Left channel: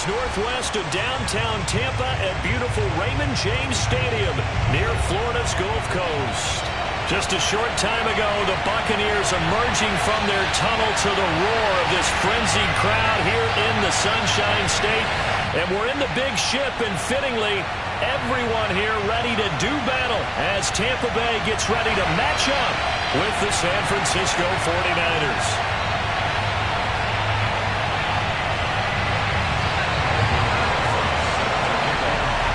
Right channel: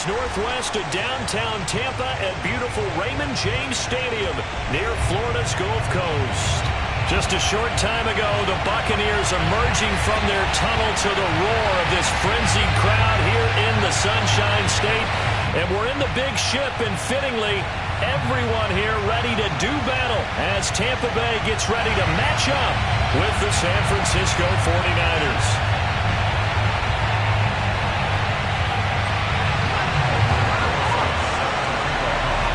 is northwest of downtown Tampa at beautiful Raymond James Stadium near Florida's Gulf Coast. Just a short time ago, the Buccaneers emerging from their tunnel to the roar of this frenzied crowd here in the Sunshine State. And we're in the big ship, and fittingly, everyone here ready to do battle as Tampa Bay gets ready to match up with the San Francisco 49ers.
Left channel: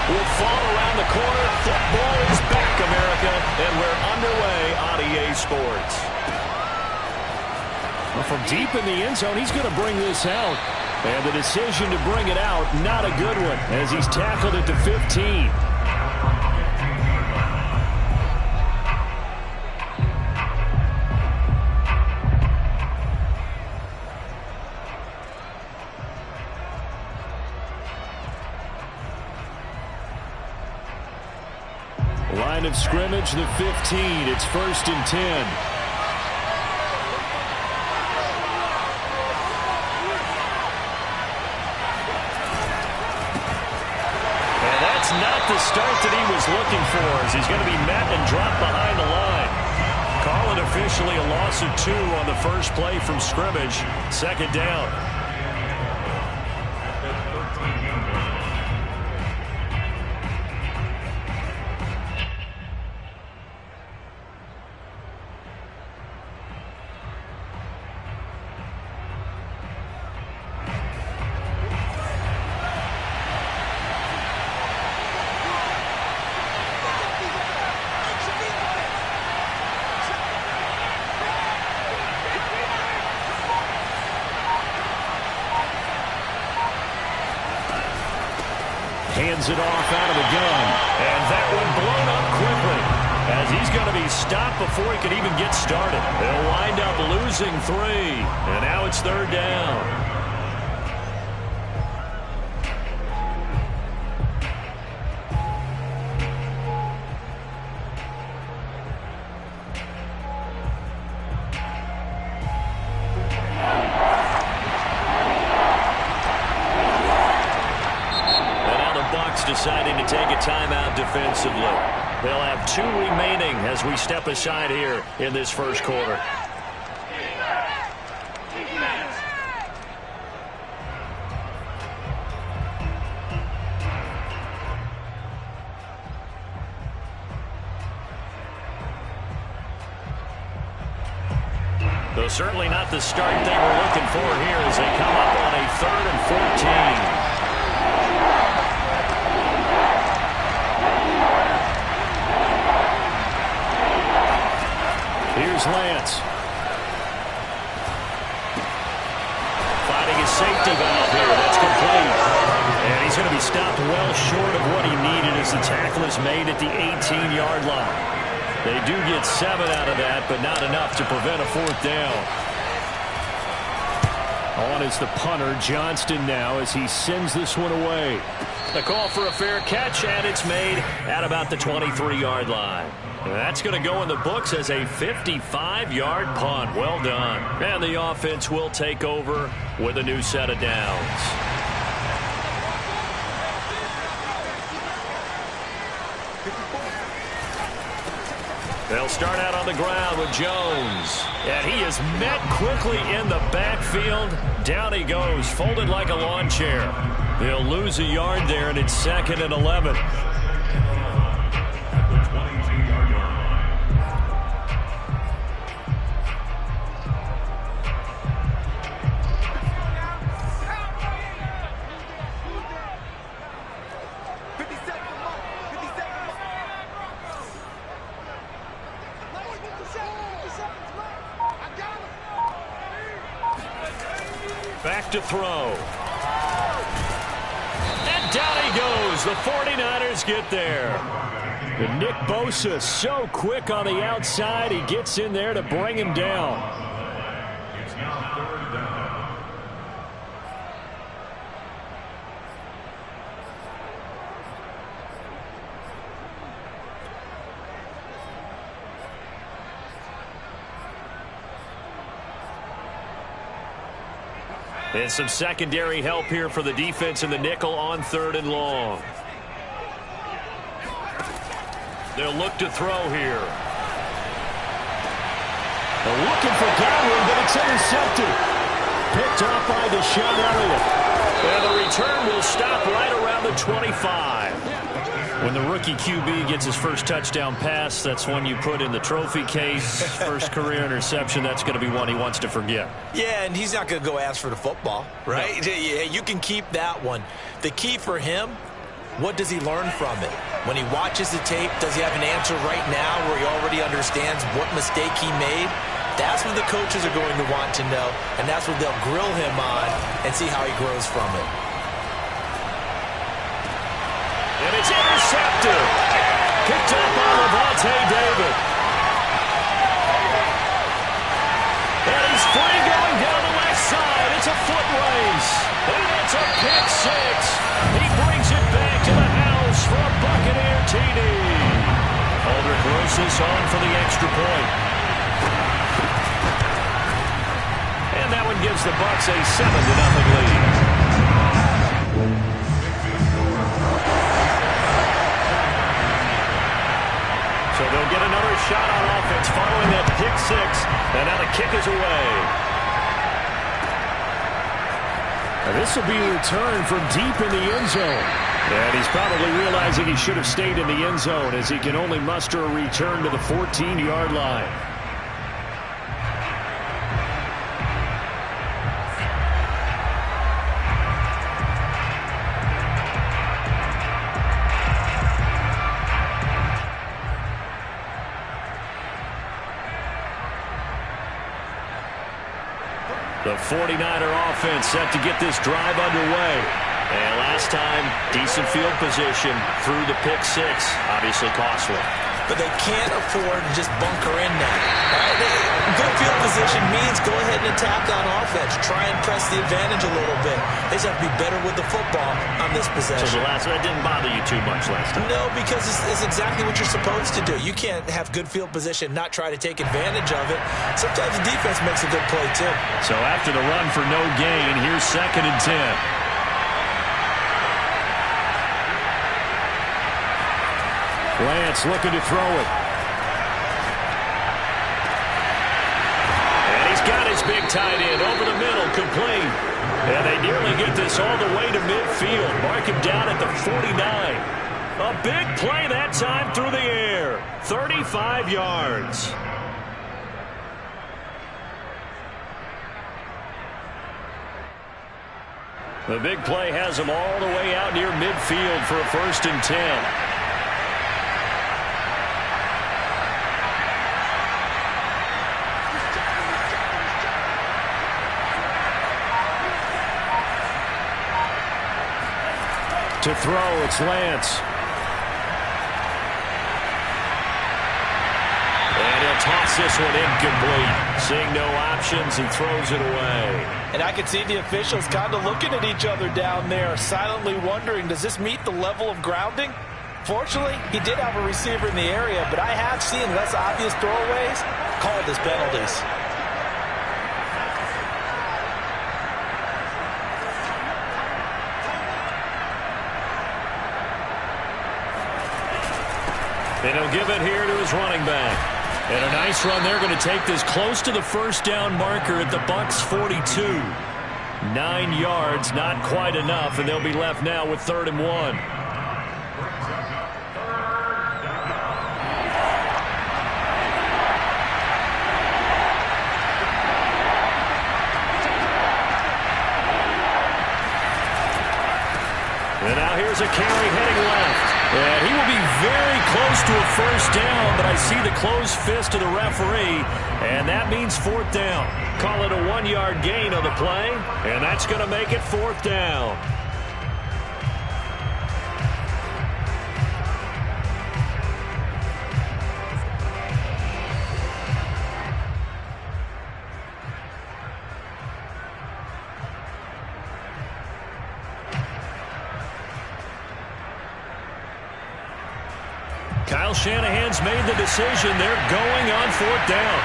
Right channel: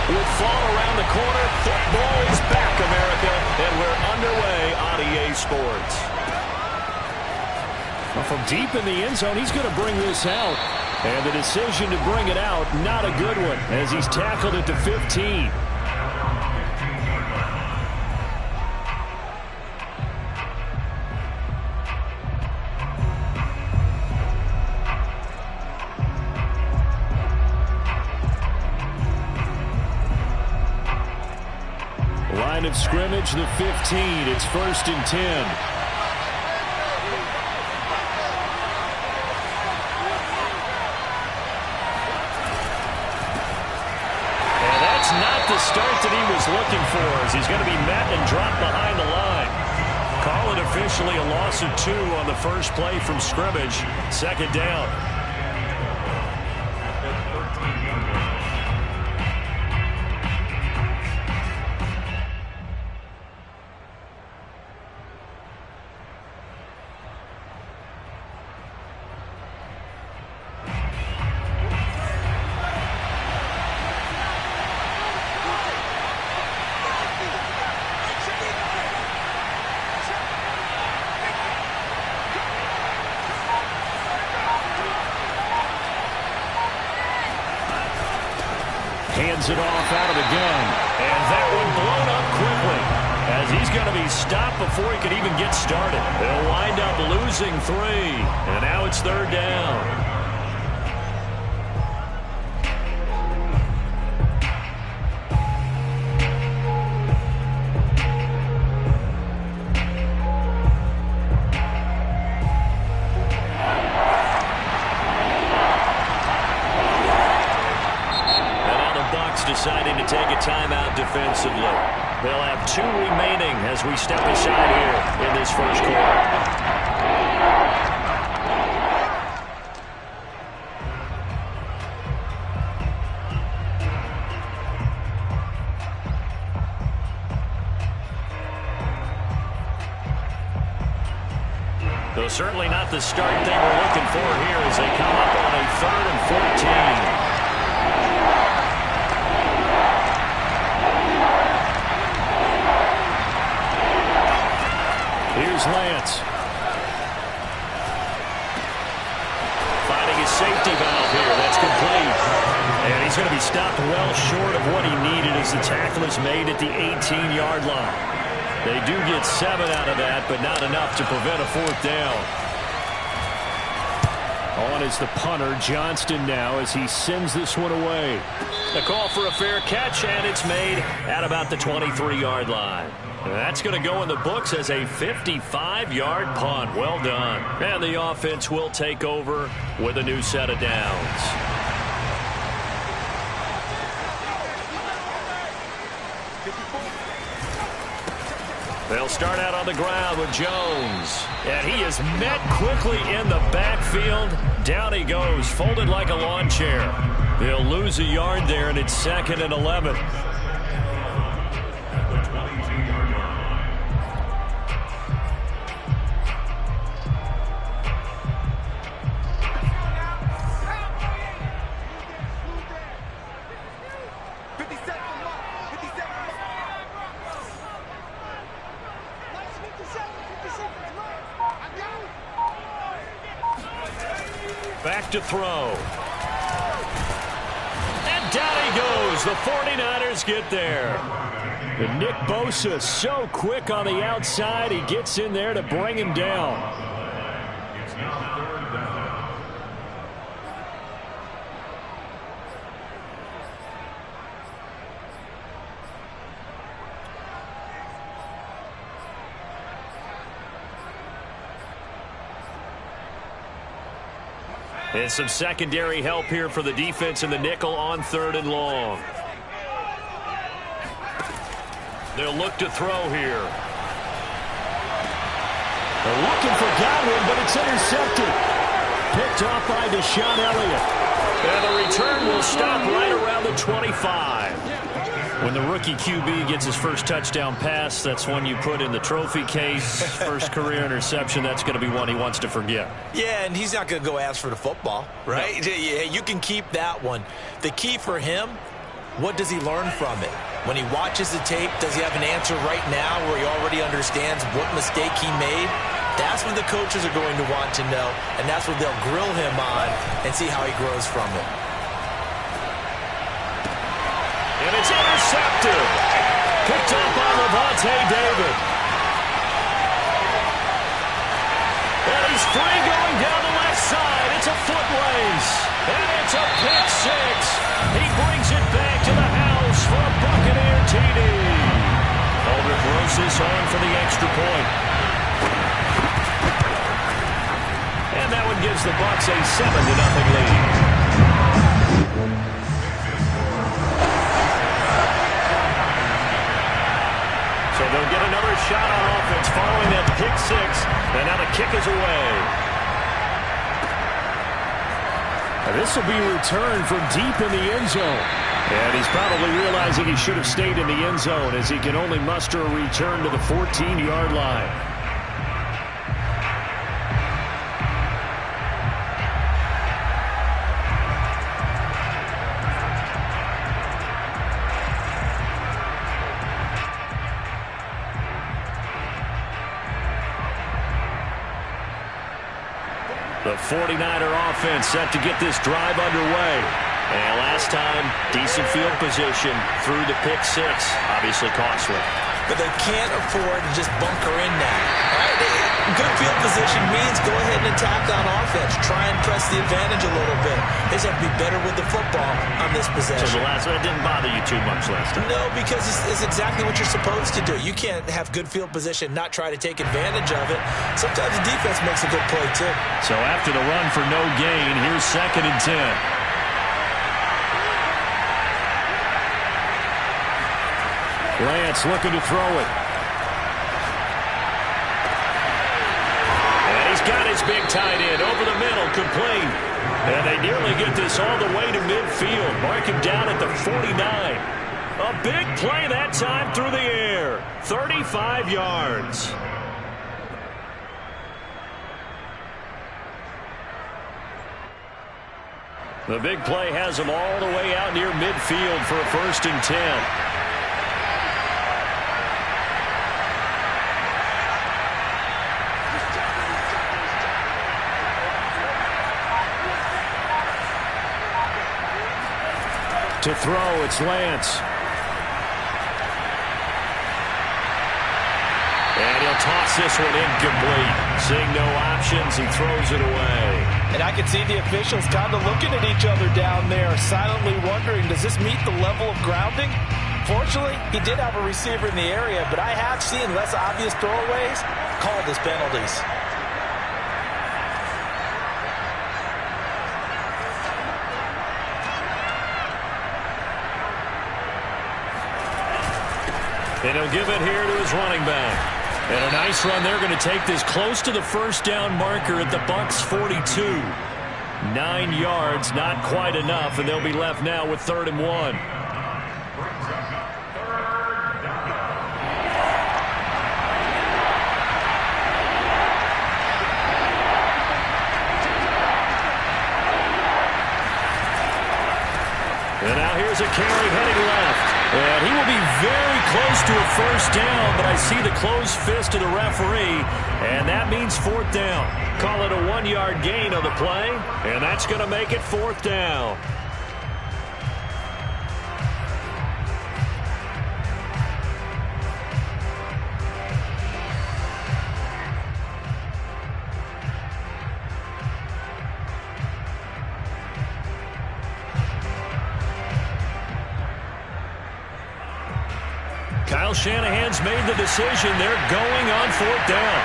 With fall around the corner, football is back, America, and we're underway on EA Sports. Well, from deep in the end zone, he's going to bring this out. And the decision to bring it out, not a good one, as he's tackled it to 15. Line of scrimmage, the 15. It's 1st and 10. And that's not the start that he was looking for, as he's going to be met and dropped behind the line. Call it officially a loss of 2 on the first play from scrimmage. 2nd down. Hands it off out of the gun. And that one blown up quickly, as he's going to be stopped before he can even get started. They'll wind up losing 3. And now it's 3rd down. Deciding to take a timeout defensively. They'll have 2 remaining as we step aside here in this first quarter. Though certainly not the start they were looking for here as they come up on a 3rd and 14. Here's Lance. Finding his safety valve here. That's complete. And he's going to be stopped well short of what he needed as the tackle is made at the 18-yard line. They do get 7 out of that, but not enough to prevent a 4th down. On is the punter, Johnston, now as he sends this one away. The call for a fair catch, and it's made at about the 23-yard line. That's going to go in the books as a 55-yard punt. Well done. And the offense will take over with a new set of downs. They'll start out on the ground with Jones. And he is met quickly in the backfield. Down he goes, folded like a lawn chair. They'll lose a yard there, and it's 2nd and 11. Back to throw. And down he goes. The 49ers get there. And Nick Bosa so quick on the outside. He gets in there to bring him down. It's now 3rd down. And some secondary help here for the defense in the nickel on 3rd and long. They'll look to throw here. They're looking for Godwin, but it's intercepted. Picked off by Deshaun Elliott. And the return will stop right around the 25. When the rookie QB gets his first touchdown pass, that's one you put in the trophy case. First career interception, that's going to be one he wants to forget. Yeah, and he's not going to go ask for the football, right? No. Yeah, you can keep that one. The key for him, what does he learn from it? When he watches the tape, does he have an answer right now where he already understands what mistake he made? That's what the coaches are going to want to know, and that's what they'll grill him on and see how he grows from it. And it's intercepted. Picked up by Lavonte David. And he's free going down the left side. It's a foot race. And it's a pick six. He brings it back to the house for a Buccaneer TD. Aldrich Rosas on for the extra point. And that one gives the Bucs a 7-0 lead. So they'll get another shot on offense following that pick six. And now the kick is away. This will be returned from deep in the end zone. And he's probably realizing he should have stayed in the end zone as he can only muster a return to the 14-yard line. The 49er offense set to get this drive underway. And last time, decent field position through the pick six. Obviously costly. But they can't afford to just bunker in now. All right? Good field position means go ahead and attack on offense. Try and press the advantage a little bit. They just have to be better with the football on this possession. So that didn't bother you too much last time? No, because it's exactly what you're supposed to do. You can't have good field position, not try to take advantage of it. Sometimes the defense makes a good play, too. So after the run for no gain, here's 2nd and 10. Lance looking to throw it. And he's got his big tight end over the middle, complete. And they nearly get this all the way to midfield. Mark him down at the 49. A big play that time through the air. 35 yards. The big play has him all the way out near midfield for a 1st and 10. To throw, it's Lance. And he'll toss this one incomplete. Seeing no options, he throws it away. And I can see the officials kind of looking at each other down there, silently wondering, does this meet the level of grounding? Fortunately, he did have a receiver in the area, but I have seen less obvious throwaways called as penalties. And he'll give it here to his running back. And a nice run. They're going to take this close to the 1st down marker at the Bucs 42. 9 yards, not quite enough, and they'll be left now with 3rd and 1. And now here's a carry heading left. And he will be very close to a 1st down, but I see the closed fist of the referee, and that means 4th down. Call it a 1-yard gain on the play, and that's going to make it 4th down. Kyle Shanahan's made the decision. They're going on 4th down.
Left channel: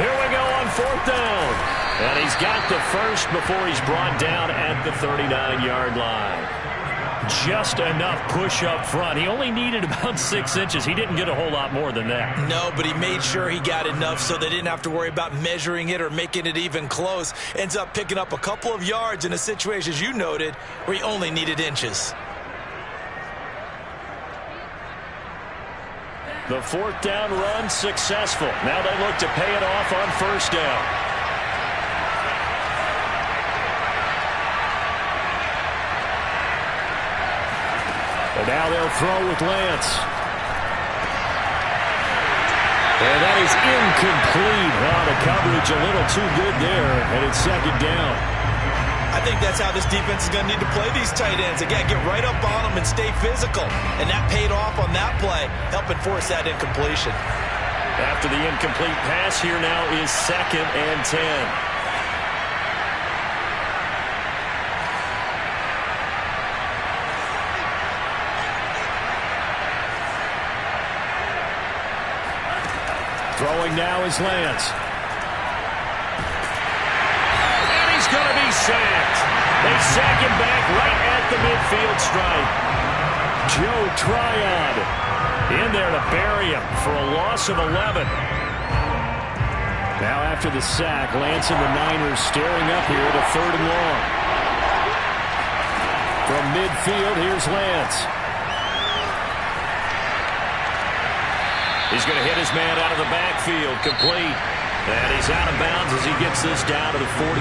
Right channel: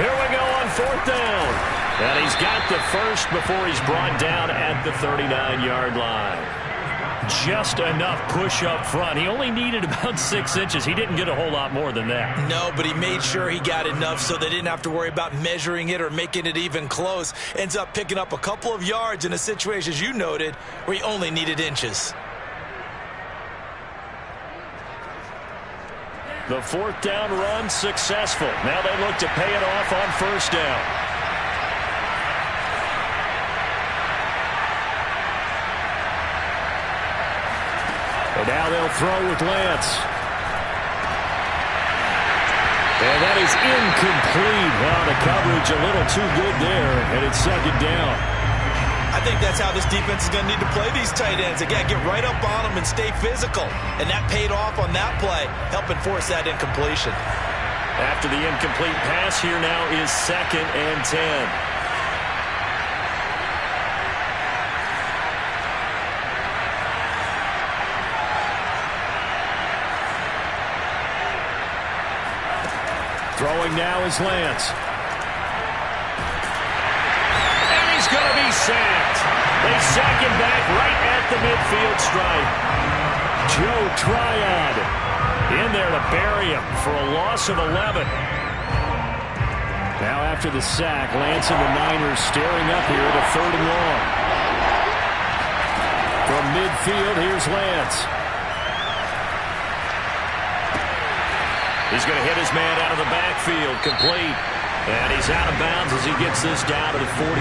Here we go on 4th down. And he's got the first before he's brought down at the 39-yard line. Just enough push up front. He only needed about 6 inches. He didn't get a whole lot more than that. No, but he made sure he got enough so they didn't have to worry about measuring it or making it even close. Ends up picking up a couple of yards in a situation, as you noted, where he only needed inches. The 4th down run successful. Now they look to pay it off on 1st down. And now they'll throw with Lance. And that is incomplete. Oh, the coverage a little too good there, and it's 2nd down. I think that's how this defense is going to need to play these tight ends. Again, get right up on them and stay physical. And that paid off on that play, helping force that incompletion. After the incomplete pass, here now is 2nd and 10. Throwing now is Lance. Going to be sacked. They sack him back right at the midfield stripe. Joe Tryon in there to bury him for a loss of 11. Now after the sack, Lance and the Niners staring up here at a 3rd and long. From midfield, here's Lance. He's going to hit his man out of the backfield, complete. And he's out of bounds as he gets this down to the 45.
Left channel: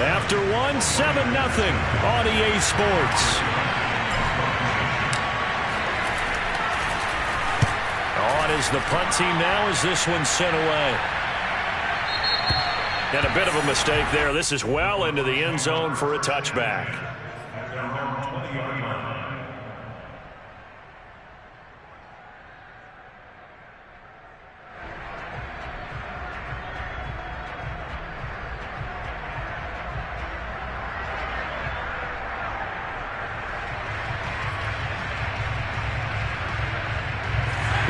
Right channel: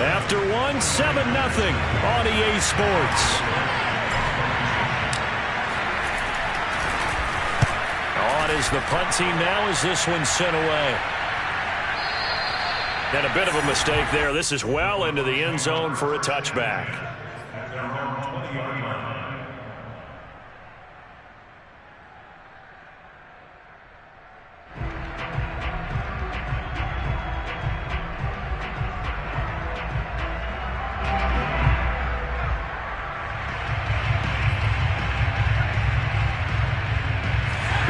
After 7-0 on EA Sports. On is the punt team now as this one's sent away. And a bit of a mistake there. This is well into the end zone for a touchback.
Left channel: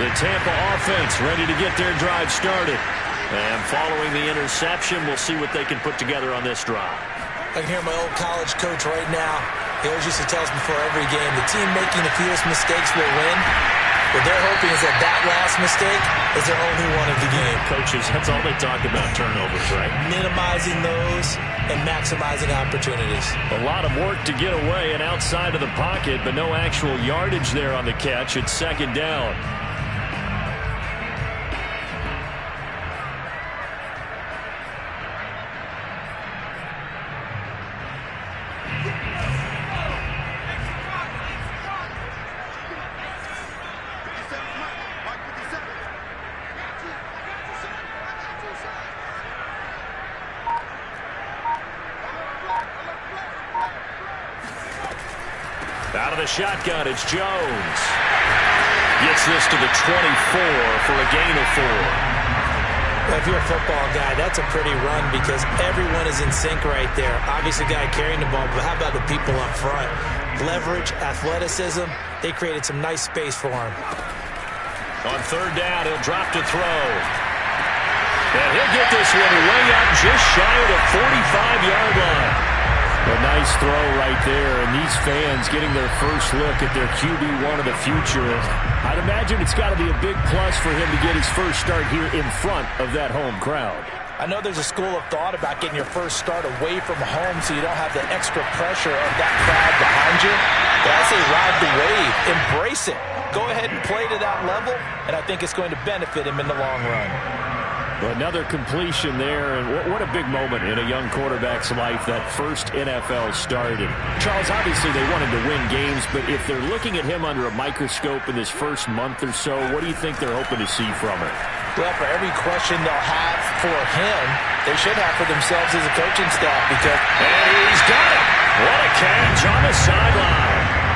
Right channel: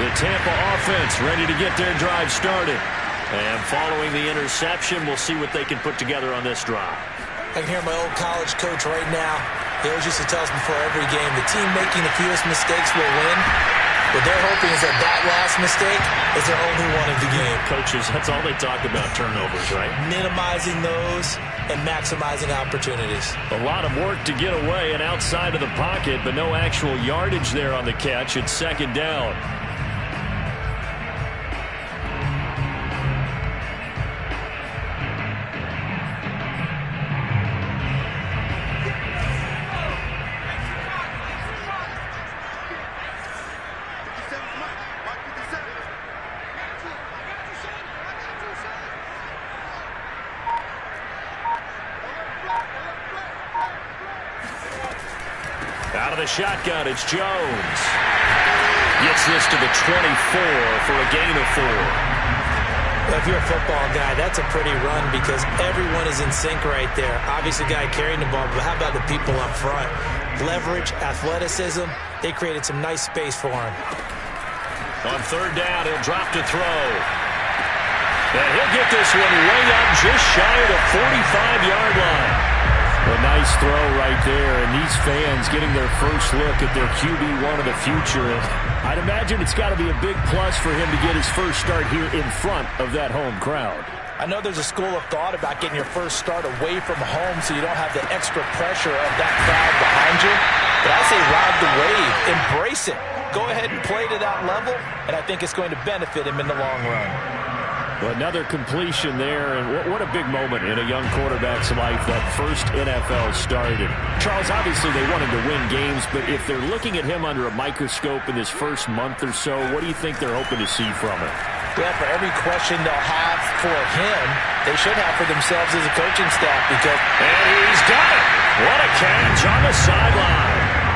The Tampa offense ready to get their drive started. And following the interception, we'll see what they can put together on this drive. I can hear my old college coach right now. He always used to tell us before every game, the team making the fewest mistakes will win. What they're hoping is that that last mistake is their only one of the game. Coaches, that's all they talk about, turnovers, right? Minimizing those and maximizing opportunities. A lot of work to get away and outside of the pocket, but no actual yardage there on the catch. It's 2nd down. Out of the shotgun, it's Jones. Gets this to the 24 for a gain of 4. Well, if you're a football guy, that's a pretty run because everyone is in sync right there. Obviously, the guy carrying the ball, but how about the people up front? Leverage, athleticism, they created some nice space for him. On 3rd down, he'll drop to throw. And he'll get this one way up just shy of the 45-yard line. A nice throw right there, and these fans getting their first look at their QB1 of the future. I'd imagine it's got to be a big plus for him to get his first start here in front of that home crowd. I know there's a school of thought about getting your first start away from home so you don't have the extra pressure of that crowd behind you. But I say ride the wave, embrace it. Go ahead and play to that level, and I think it's going to benefit him in the long run. Another completion there, and what a big moment in a young quarterback's life, that first NFL started. Charles, obviously they wanted to win games, but if they're looking at him under a microscope in this first month or so, what do you think they're hoping to see from it? Well, for every question they'll have for him, they should have for themselves as a coaching staff because... And he's got it! What a catch on the sideline!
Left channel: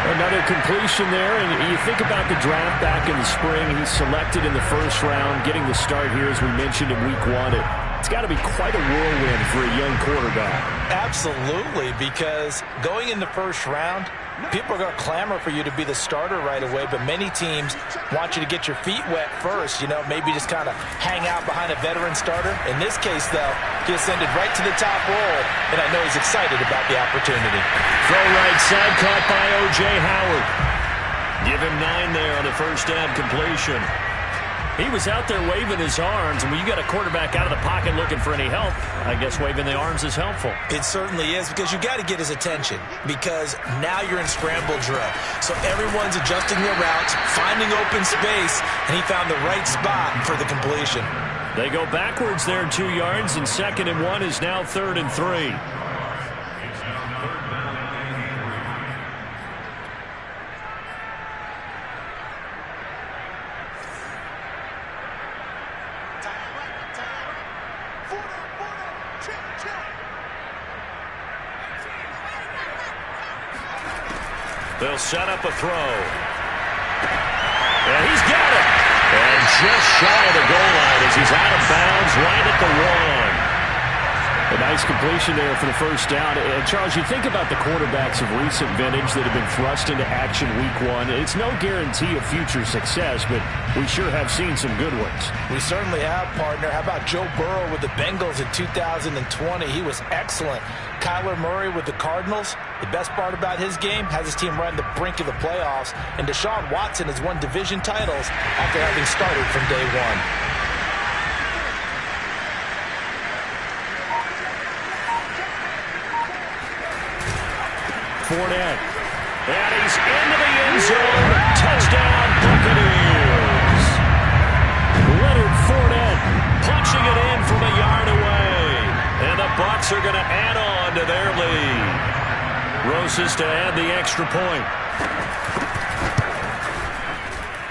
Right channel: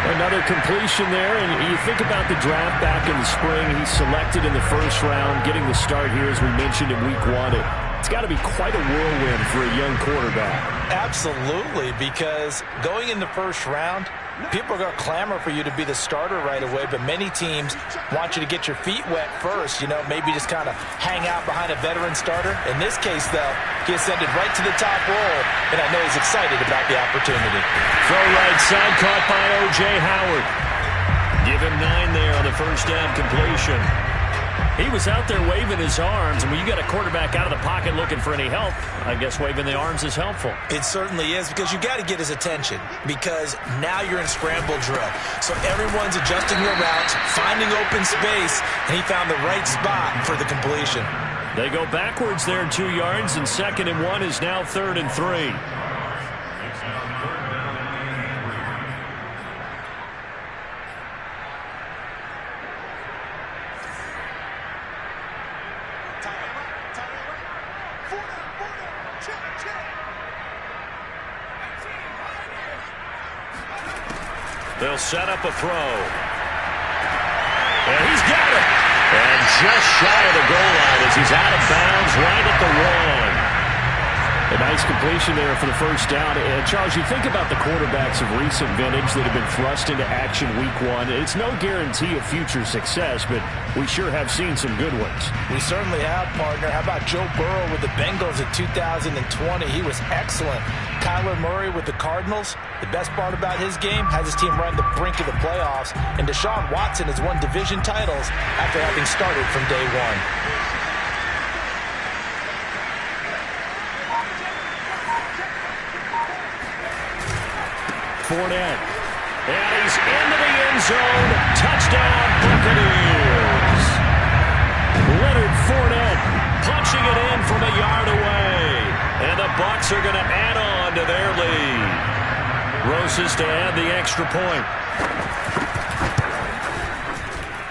Another completion there, and you think about the draft back in the spring. He's selected in the first round, getting the start here, as we mentioned, in week 1. It's got to be quite a whirlwind for a young quarterback. Absolutely, because going in the first round, People are going to clamor for you to be the starter right away, but many teams want you to get your feet wet first, maybe just kind of hang out behind a veteran starter. In this case, though, he ascended right to the top role, and I know he's excited about the opportunity. Throw right side caught by O.J. Howard. Give him 9 there on the first down completion. He was out there waving his arms, and when you got a quarterback out of the pocket looking for any help, I guess waving the arms is helpful. It certainly is, because you got to get his attention, because now you're in scramble drill. So everyone's adjusting their routes, finding open space, and he found the right spot for the completion. They go backwards there 2 yards, and 2nd and 1 is now 3rd and 3. They'll set up a throw. And he's got it. And just shy of the goal line as he's out of bounds right at the 1. A nice completion there for the first down. And Charles, you think about the quarterbacks of recent vintage that have been thrust into action week 1. It's no guarantee of future success, but we sure have seen some good ones. We certainly have, partner. How about Joe Burrow with the Bengals in 2020? He was excellent. Kyler Murray with the Cardinals. The best part about his game has his team run the brink of the playoffs. And Deshaun Watson has won division titles after having started from day 1. Fournette. And he's into the end zone. Touchdown, Buccaneers. Leonard Fournette punching it in from a yard away. And the Bucs are going to add on to their lead. Rosas to add the extra point.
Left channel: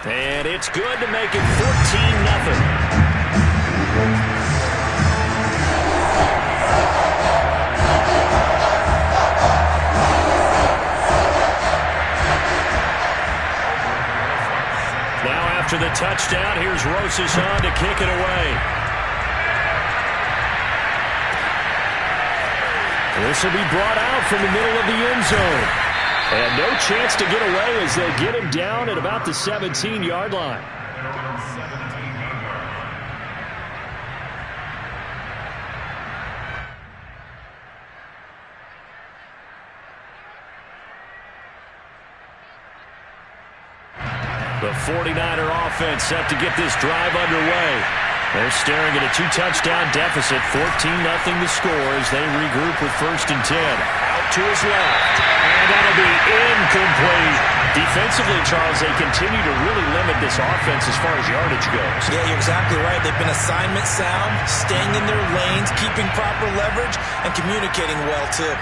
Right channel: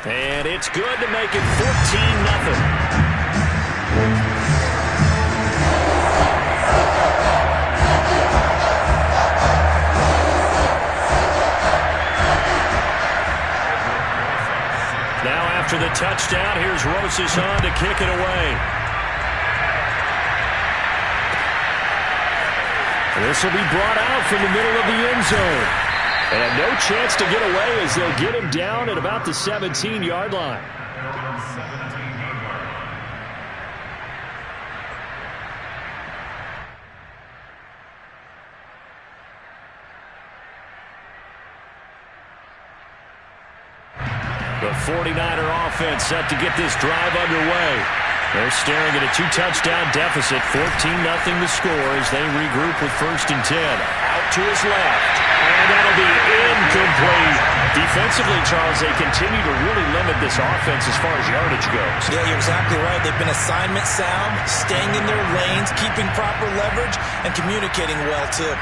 And it's good to make it 14-0. Now after the touchdown, here's Rosas on to kick it away. This will be brought out from the middle of the end zone. And no chance to get away as they'll get him down at about the 17-yard line. The 49er offense set to get this drive underway. They're staring at a 2-touchdown deficit, 14-0 the score as they regroup with 1st and 10. Out to his left, and that'll be incomplete. Defensively, Charles, they continue to really limit this offense as far as yardage goes. Yeah, you're exactly right. They've been assignment sound, staying in their lanes, keeping proper leverage, and communicating well, too.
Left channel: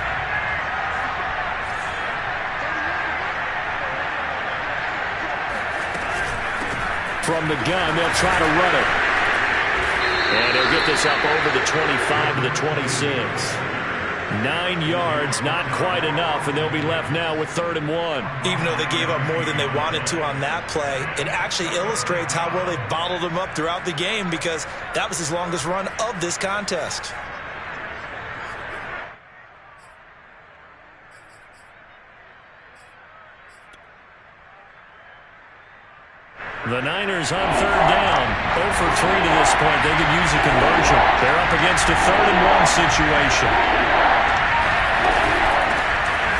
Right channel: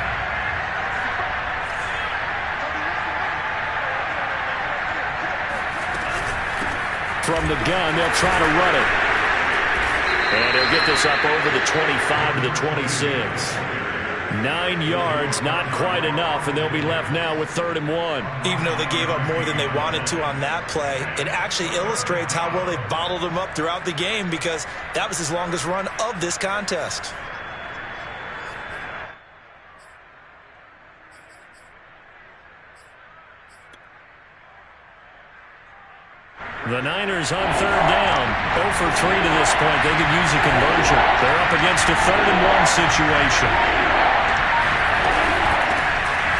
From the gun, they'll try to run it. And he'll get this up over the 25 to the 26. 9 yards, not quite enough, and they'll be left now with 3rd and 1. Even though they gave up more than they wanted to on that play, it actually illustrates how well they've bottled them up throughout the game, because that was his longest run of this contest. The Niners on 3rd down. 0 for 3 to this point. They could use a conversion. They're up against a 3rd and 1 situation.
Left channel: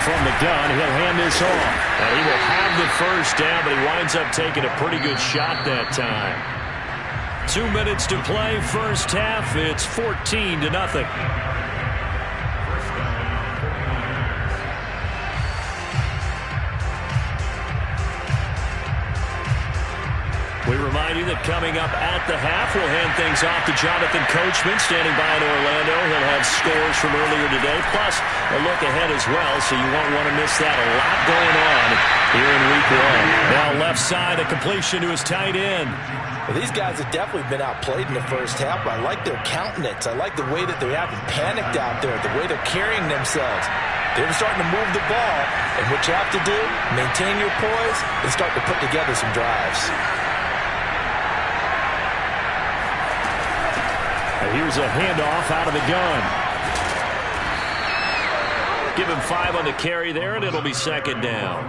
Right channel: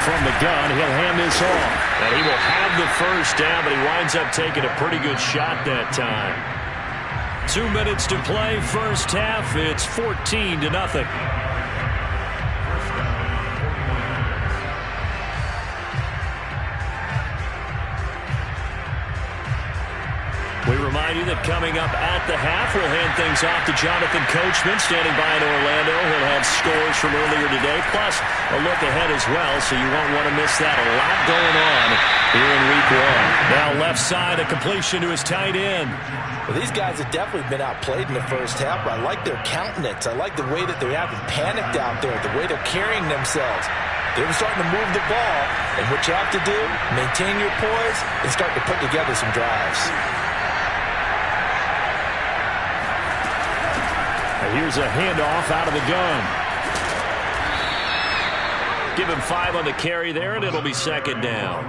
From the gun, he'll hand this off. And he will have the first down, but he winds up taking a pretty good shot that time. 2 minutes to play, first half. It's 14-0. We remind you that coming up at the half, we'll hand things off to Jonathan Coachman, standing by in Orlando. He'll have scores from earlier today, plus a look ahead as well, so you won't want to miss that. A lot going on here in Week 1. Now left side, a completion to his tight end. Well, these guys have definitely been outplayed in the first half. I like their countenance. I like the way that they haven't panicked out there, the way they're carrying themselves. They're starting to move the ball, and what you have to do, maintain your poise and start to put together some drives. And here's a handoff out of the gun. Give him 5 on the carry there, and it'll be second down.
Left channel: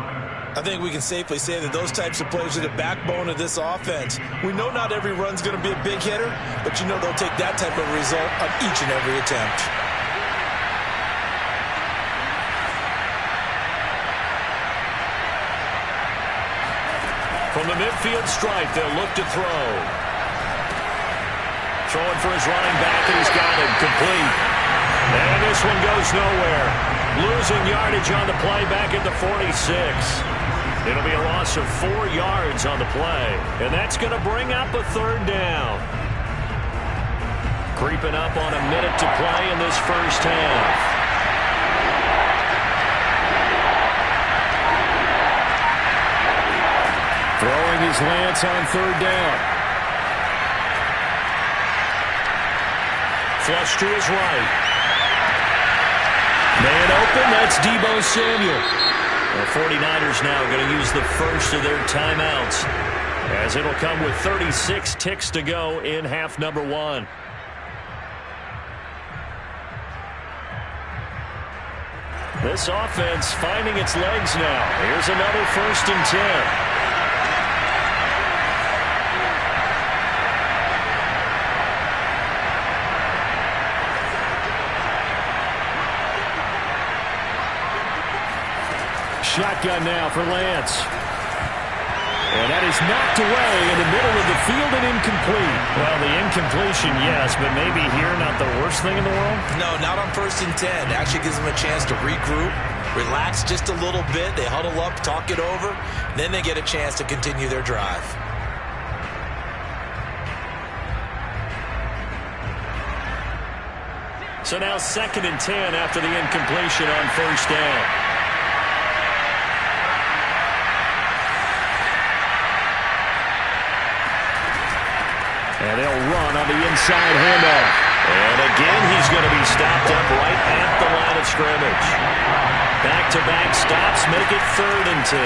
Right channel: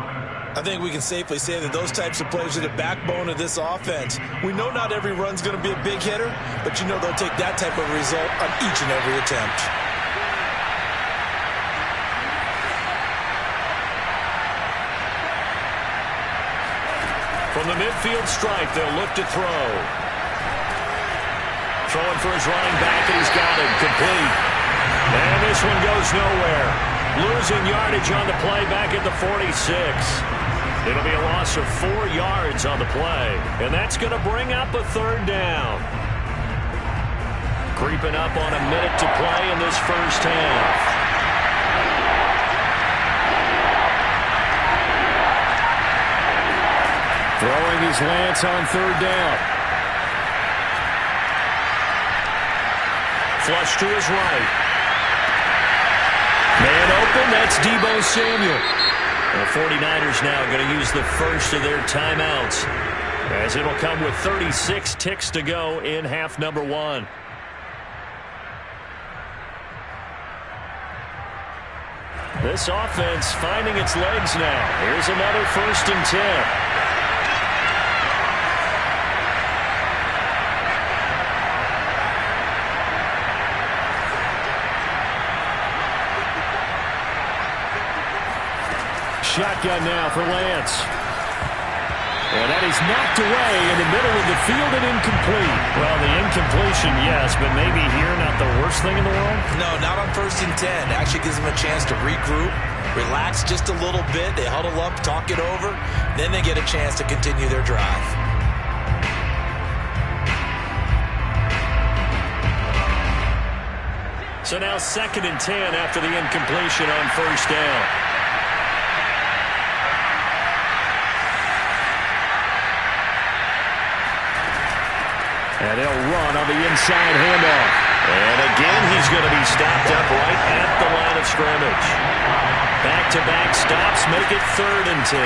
I think we can safely say that those types of players are the backbone of this offense. We know not every run's going to be a big hitter, but you know they'll take that type of result on each and every attempt. From the midfield stripe, they'll look to throw. Throwing for his running back, and he's got it complete. And this one goes nowhere. Losing yardage on the play back at the 46. It'll be a loss of 4 yards on the play. And that's going to bring up a third down. Creeping up on a minute to play in this first half. Throwing his Lance on third down. Flush to his right. Man open, that's Deebo Samuel. The 49ers now going to use the first of their timeouts, as it'll come with 36 ticks to go in half number 1. This offense finding its legs now. Here's another 1st and 10. Shotgun now for Lance. And that is knocked away in the middle of the field and incomplete. Well, the incompletion, yes, but maybe here not the worst thing in the world? No, not on 1st and 10. Actually gives them a chance to regroup, relax just a little bit. They huddle up, talk it over. Then they get a chance to continue their drive. So now 2nd and 10 after the incompletion on 1st down. And they'll run on the inside handoff. And again, he's going to be stopped up right at the line of scrimmage. Back-to-back stops make it 3rd and 10.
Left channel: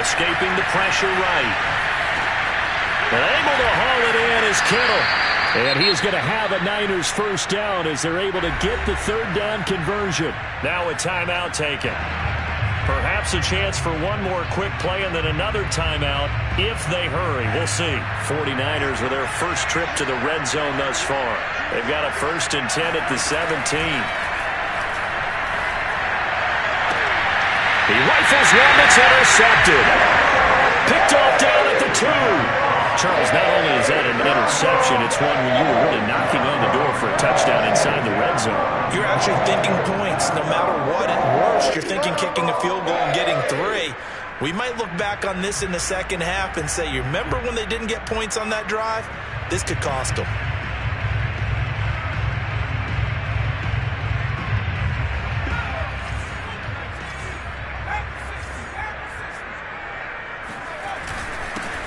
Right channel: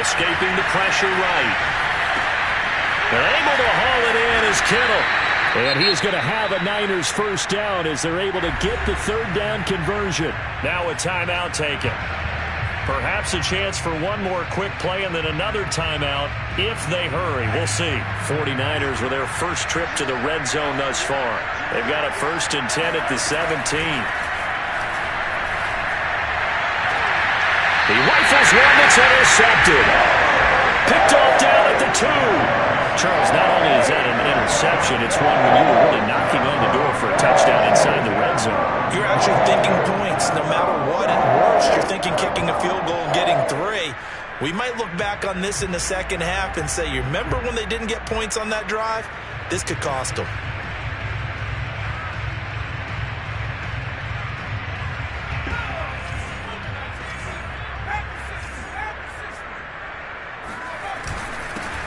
Escaping the pressure right. And able to haul it in is Kittle. And he is going to have a Niners first down as they're able to get the 3rd down conversion. Now a timeout taken. Perhaps a chance for one more quick play and then another timeout if they hurry. We'll see. 49ers with their first trip to the red zone thus far. They've got a 1st and 10 at the 17. He rifles one that's intercepted. Picked off down at the 2. Charles, not only is that an interception, it's one when you were really knocking on the door for a touchdown inside the red zone. You're actually thinking points no matter what. At worst, you're thinking kicking a field goal and getting 3. We might look back on this in the second half and say, you remember when they didn't get points on that drive? This could cost them.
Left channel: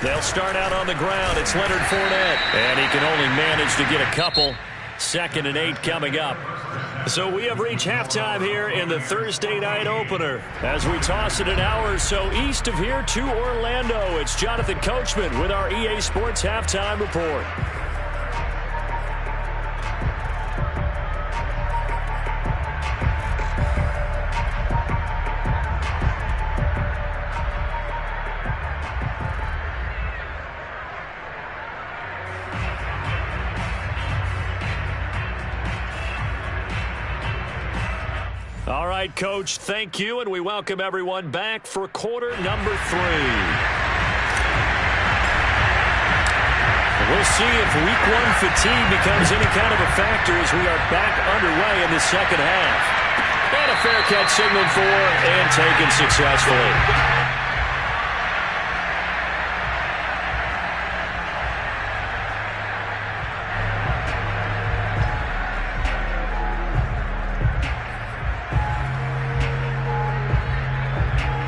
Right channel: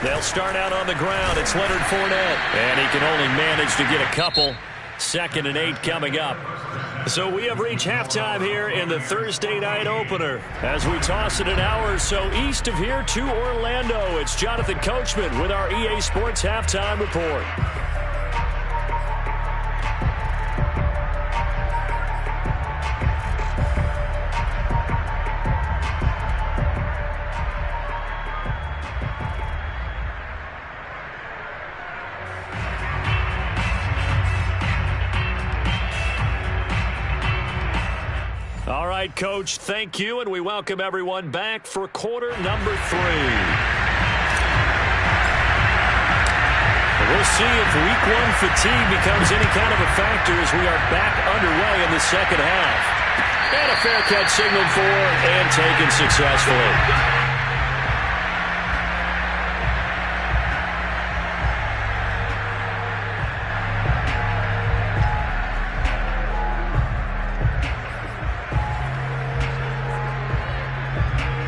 They'll start out on the ground. It's Leonard Fournette. And he can only manage to get a couple. 2nd and 8 coming up. So we have reached halftime here in the Thursday night opener. As we toss it an hour or so east of here to Orlando, it's Jonathan Coachman with our EA Sports Halftime Report. All right, Coach, thank you, and we welcome everyone back for quarter number 3. We'll see if week 1 fatigue becomes any kind of a factor as we are back underway in the second half. And a fair catch signaled for and taken successfully.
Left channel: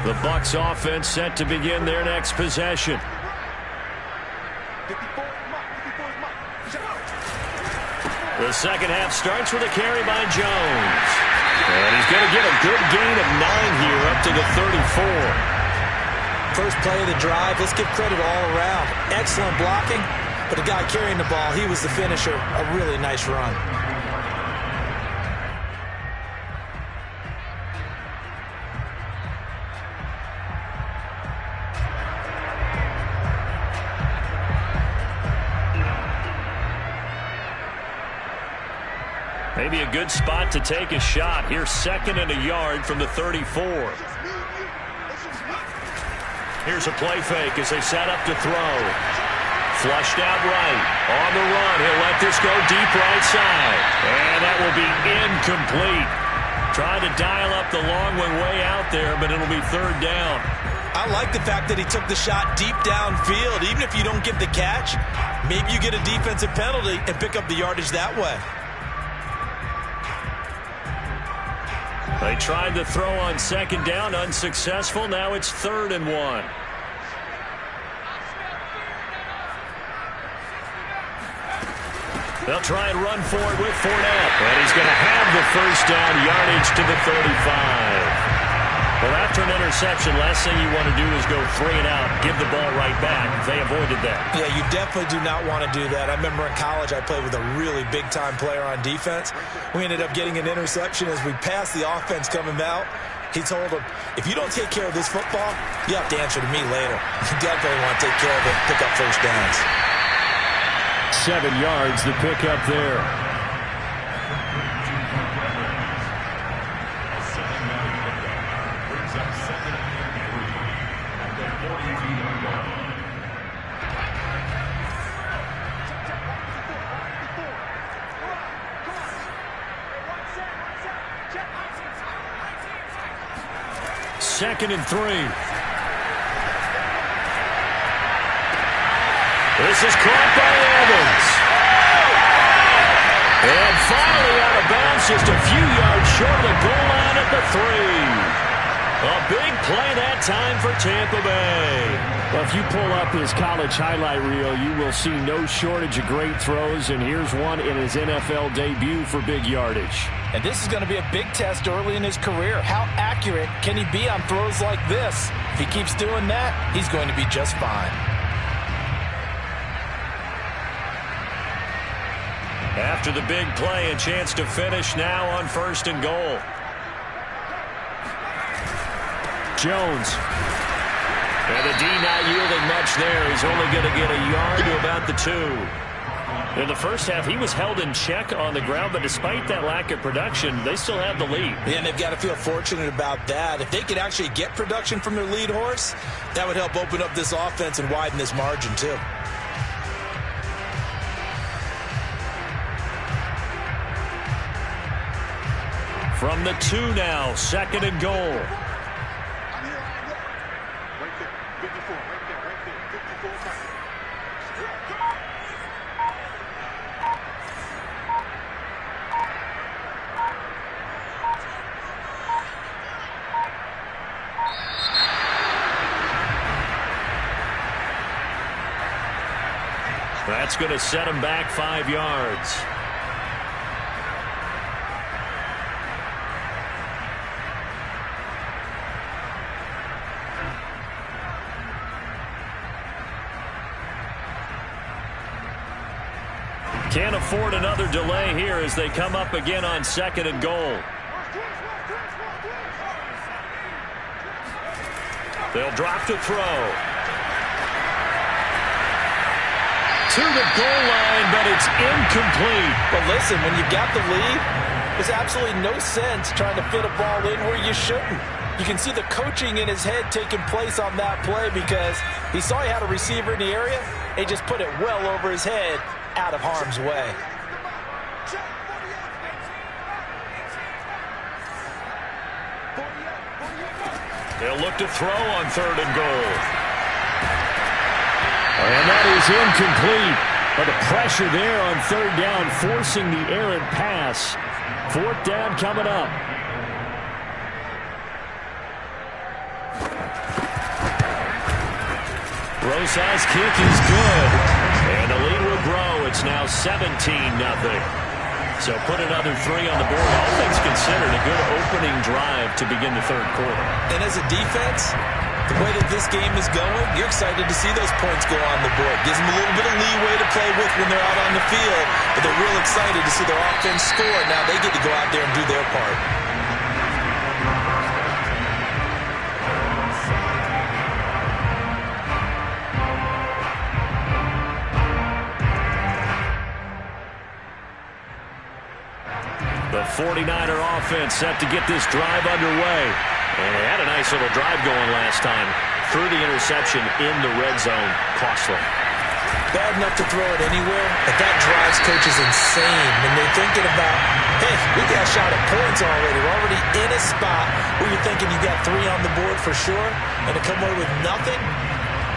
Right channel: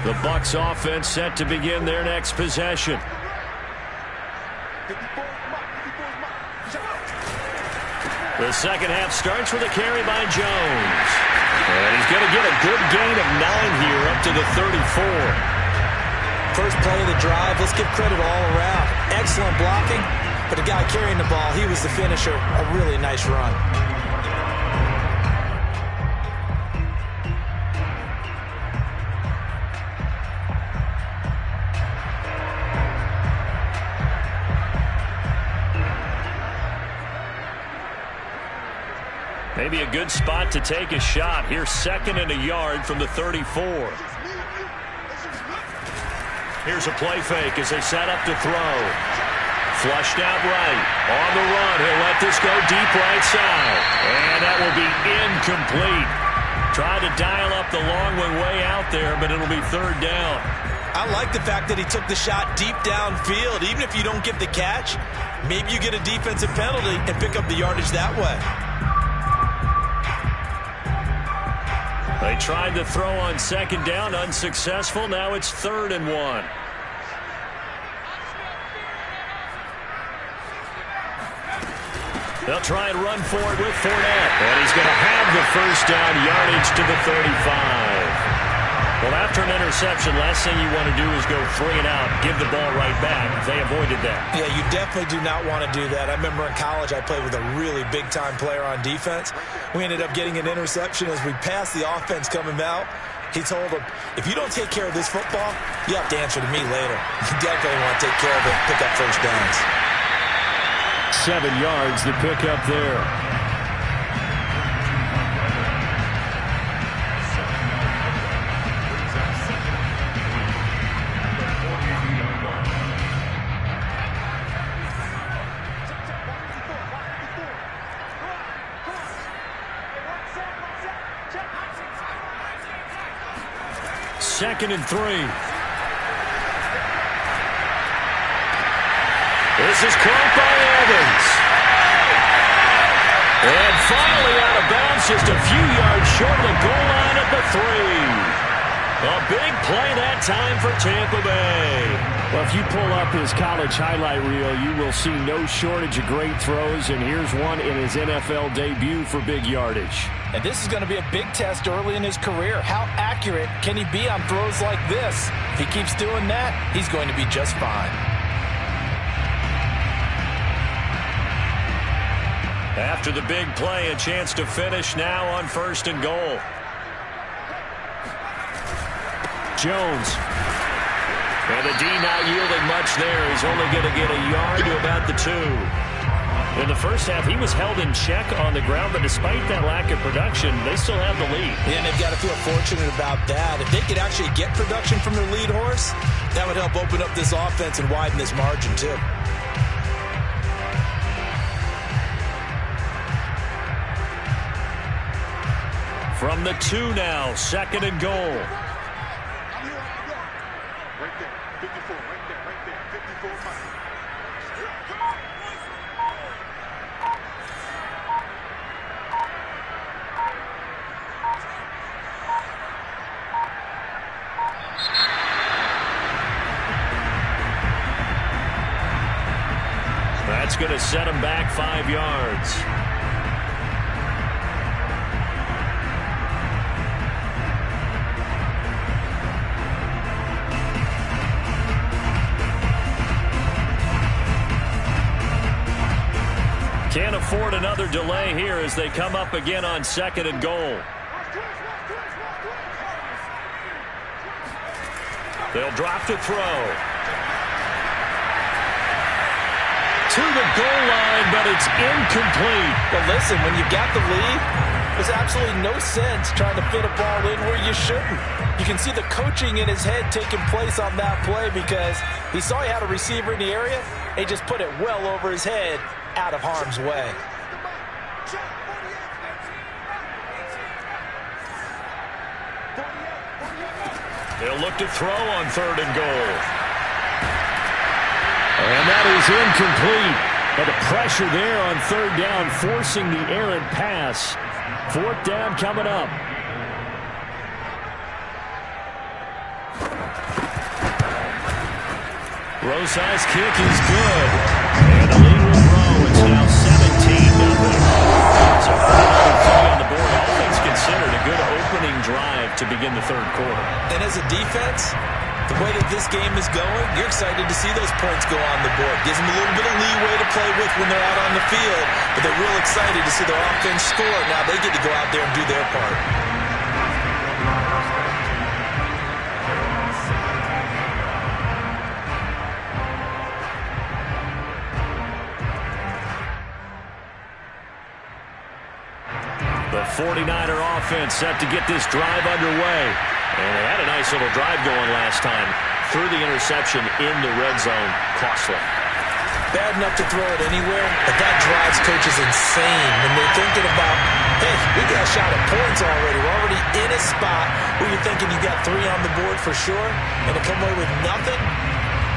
The Bucs offense set to begin their next possession. The second half starts with a carry by Jones. And he's going to get a good gain of 9 here up to the 34. First play of the drive, let's give credit all around. Excellent blocking, but the guy carrying the ball, he was the finisher. A really nice run. Maybe a good spot to take a shot. Here's 2nd and a yard from the 34. Here's a play fake as they set up to throw. Flushed out right. On the run. He'll let this go deep right side. And that will be incomplete. Tried to dial up the long one way out there, but it'll be 3rd down. I like the fact that he took the shot deep downfield. Even if you don't get the catch, maybe you get a defensive penalty and pick up the yardage that way. They tried to throw on 2nd down, unsuccessful. Now it's 3rd and 1. They'll try and run for it with Fournette. And he's going to have the 1st down, yardage to the 35. Well, after an interception, last thing you want to do is go 3 and out, give the ball right back. They avoided that. Yeah, you definitely do not want to do that. I remember in college I played with a really big-time player on defense. We ended up getting an interception as we passed the offense coming out. He told him, if you don't take care of this football, you have to answer to me later. You definitely want to take care of it, pick up 1st downs. 7 yards to pick up there. Second and 3. This is caught by Evans. And finally out of bounds, just a few yards short of the goal line at the 3. A big play that time for Tampa Bay. Well, if you pull up his college highlight reel, you will see no shortage of great throws, and here's one in his NFL debut for big yardage. And this is going to be a big test early in his career. How accurate can he be on throws like this? If he keeps doing that, he's going to be just fine. After the big play, a chance to finish now on 1st and goal. Jones. And the D not yielding much there. He's only going to get a yard to about the 2. In the first half, he was held in check on the ground, but despite that lack of production, they still have the lead. Yeah, and they've got to feel fortunate about that. If they could actually get production from their lead horse, that would help open up this offense and widen this margin, too. From the 2 now, 2nd and goal. Right there, 54, right there, 54 Mike. Come on, boys. That's going to set him back 5 yards. Can't afford another delay here as they come up again on 2nd and goal. They'll drop to throw. To the goal line, but it's incomplete. Well, listen, when you got the lead, there's absolutely no sense trying to fit a ball in where you shouldn't. You can see the coaching in his head taking place on that play because he saw he had a receiver in the area. He just put it well over his head, out of harm's way. They'll look to throw on 3rd and goal. And that is incomplete. But the pressure there on 3rd down, forcing the errant pass. 4th down coming up. Rosas' kick is good. And the lead will grow. It's now 17-0. So put another 3 on the board. All things considered, a good opening drive to begin the 3rd quarter. And as a defense, the way that this game is going, you're excited to see those points go on the board. Gives them a little bit of leeway to play with when they're out on the field, but they're real excited to see their offense score. Now they get to go out there and do their part. The 49er offense set to get this drive underway. And they had a nice little drive going last time. Threw the interception in the red zone. Costly. Bad enough to throw it anywhere, but that drives coaches insane when they're thinking about, hey, we got a shot at points already. We're already in a spot where you're thinking you got 3 on the board for sure, and to come away with nothing,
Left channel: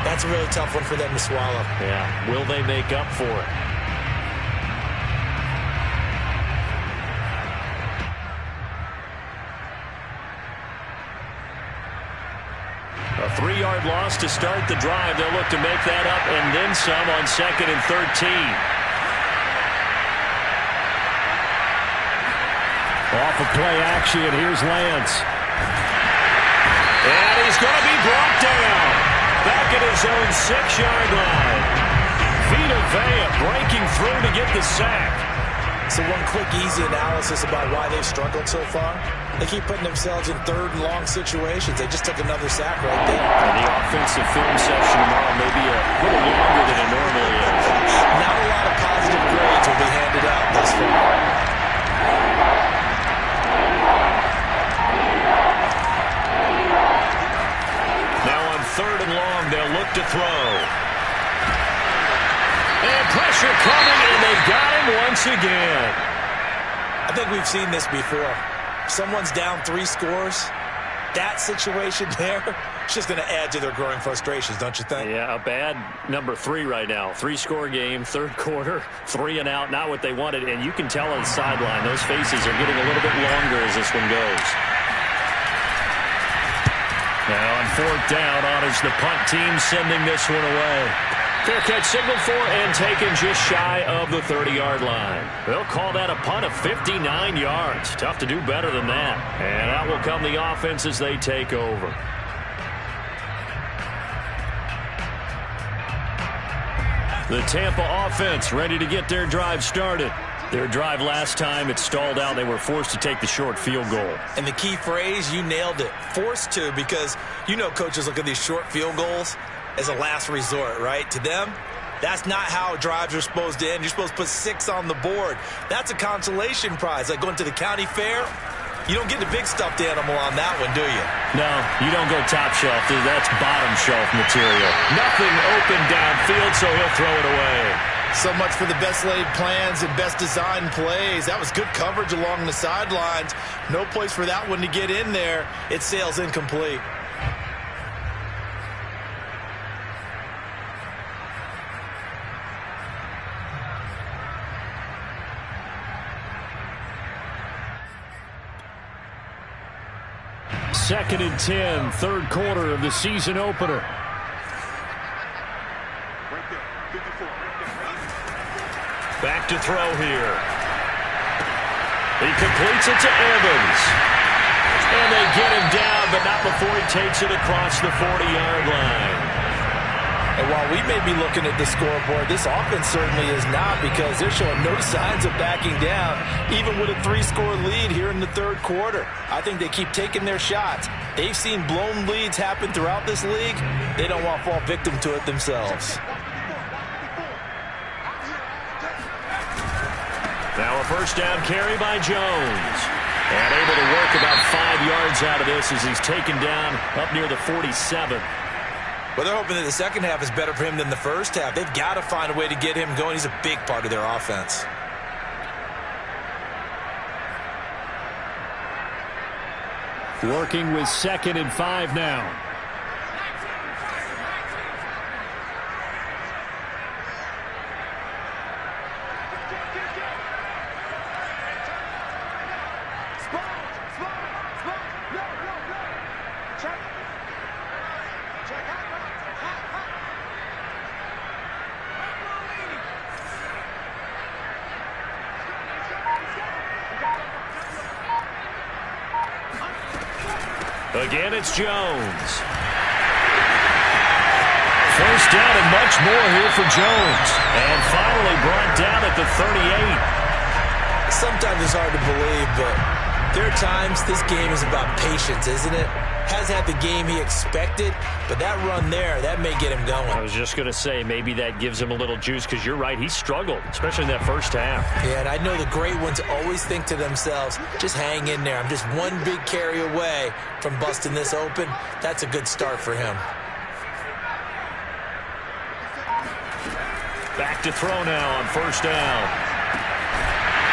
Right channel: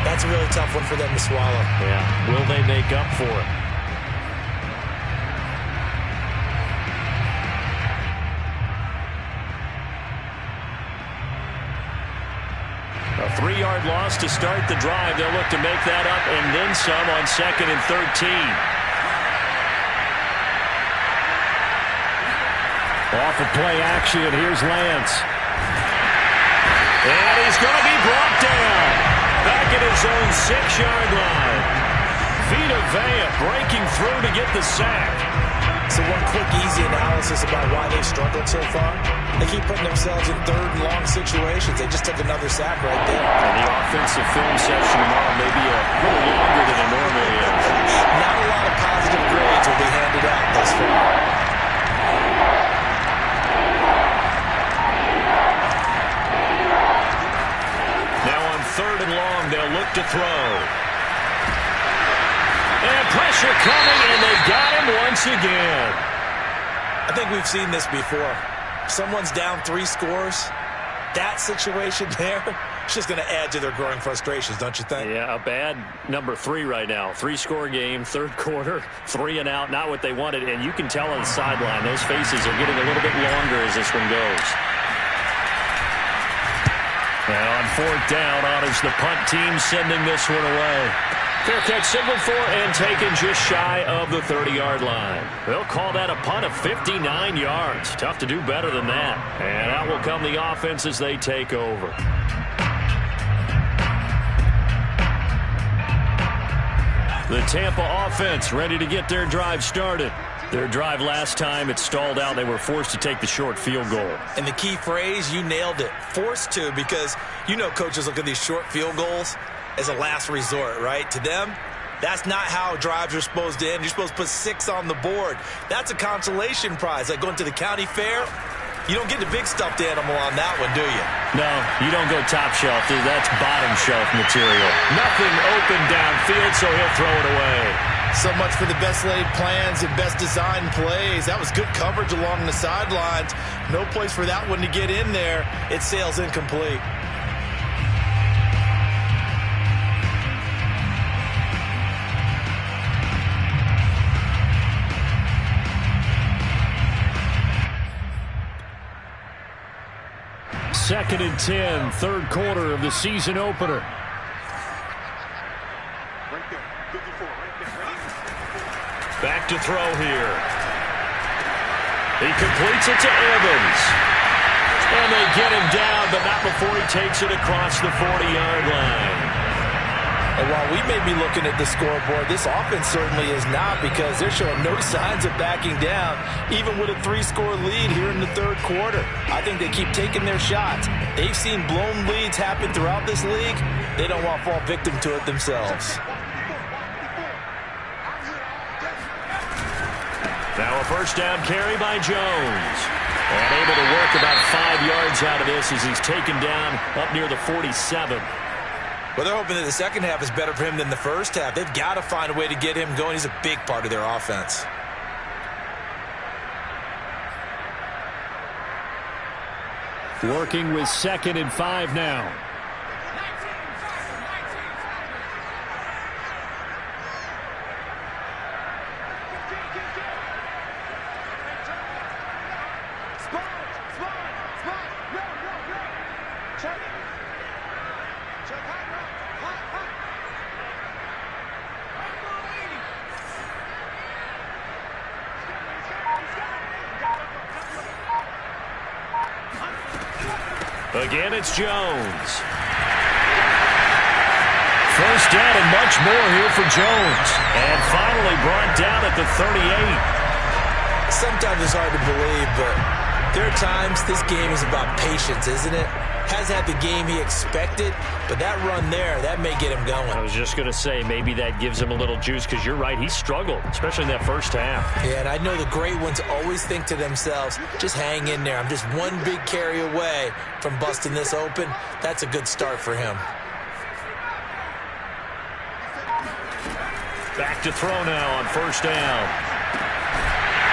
that's a really tough one for them to swallow. Yeah, will they make up for it? A 3-yard loss to start the drive. They'll look to make that up and then some on 2nd and 13. Off of play action, here's Lance. And he's going to be brought down. Back at his own 6-yard line. Vita Vea breaking through to get the sack. So one quick, easy analysis about why they've struggled so far. They keep putting themselves in 3rd and long situations. They just took another sack right there. And the offensive film session tomorrow may be a little longer than it normally is. Not a lot of positive grades will be handed out thus far. Now on 3rd and long, they'll look to throw. And pressure coming, and they got him once again. I think we've seen this before. Someone's down 3 scores. That situation there, it's just going to add to their growing frustrations, don't you think? Yeah, a bad number 3 right now. 3-score game, 3rd quarter, 3 and out, not what they wanted. And you can tell on the sideline, those faces are getting a little bit longer as this one goes. Now on 4th down, on is the punt team sending this one away. Fair catch signaled for and taken just shy of the 30-yard line. They'll call that a punt of 59 yards. Tough to do better than that. And out will come the offense as they take over. The Tampa offense ready to get their drive started. Their drive last time, it stalled out. They were forced to take the short field goal. And the key phrase, you nailed it. Forced to, because you know coaches look at these short field goals as a last resort, right? To them, that's not how drives are supposed to end. You're supposed to put 6 on the board. That's a consolation prize. Like going to the county fair, you don't get the big stuffed animal on that one, do you? No, you don't go top shelf. That's bottom shelf material. Nothing open downfield, so he'll throw it away. So much for the best laid plans and best designed plays. That was good coverage along the sidelines. No place for that one to get in there. It sails incomplete. Second and 10, 3rd quarter of the season opener. Right there. 54. Right there. Right there. Back to throw here. He completes it to Evans. And they get him down, but not before he takes it across the 40-yard line. And while we may be looking at the scoreboard, this offense certainly is not, because they're showing no signs of backing down, even with a 3-score lead here in the 3rd quarter. I think they keep taking their shots. They've seen blown leads happen throughout this league. They don't want to fall victim to it themselves. Now a first down carry by Jones. And able to work about 5 yards out of this as he's taken down up near the 47. Well, they're hoping that the second half is better for him than the first half. They've got to find a way to get him going. He's a big part of their offense. Working with 2nd and 5 now. Again, it's Jones. First down and much more here for Jones. And finally brought down at the 38. Sometimes it's hard to believe, but there are times this game is about patience, isn't it? has had the game he expected, but that run there, that may get him going. I was just going to say, maybe that gives him a little juice, because you're right, he struggled, especially in that first half. Yeah, and I know the great ones always think to themselves, just hang in there. I'm just one big carry away from busting this open. That's a good start for him. Back to throw now on first down.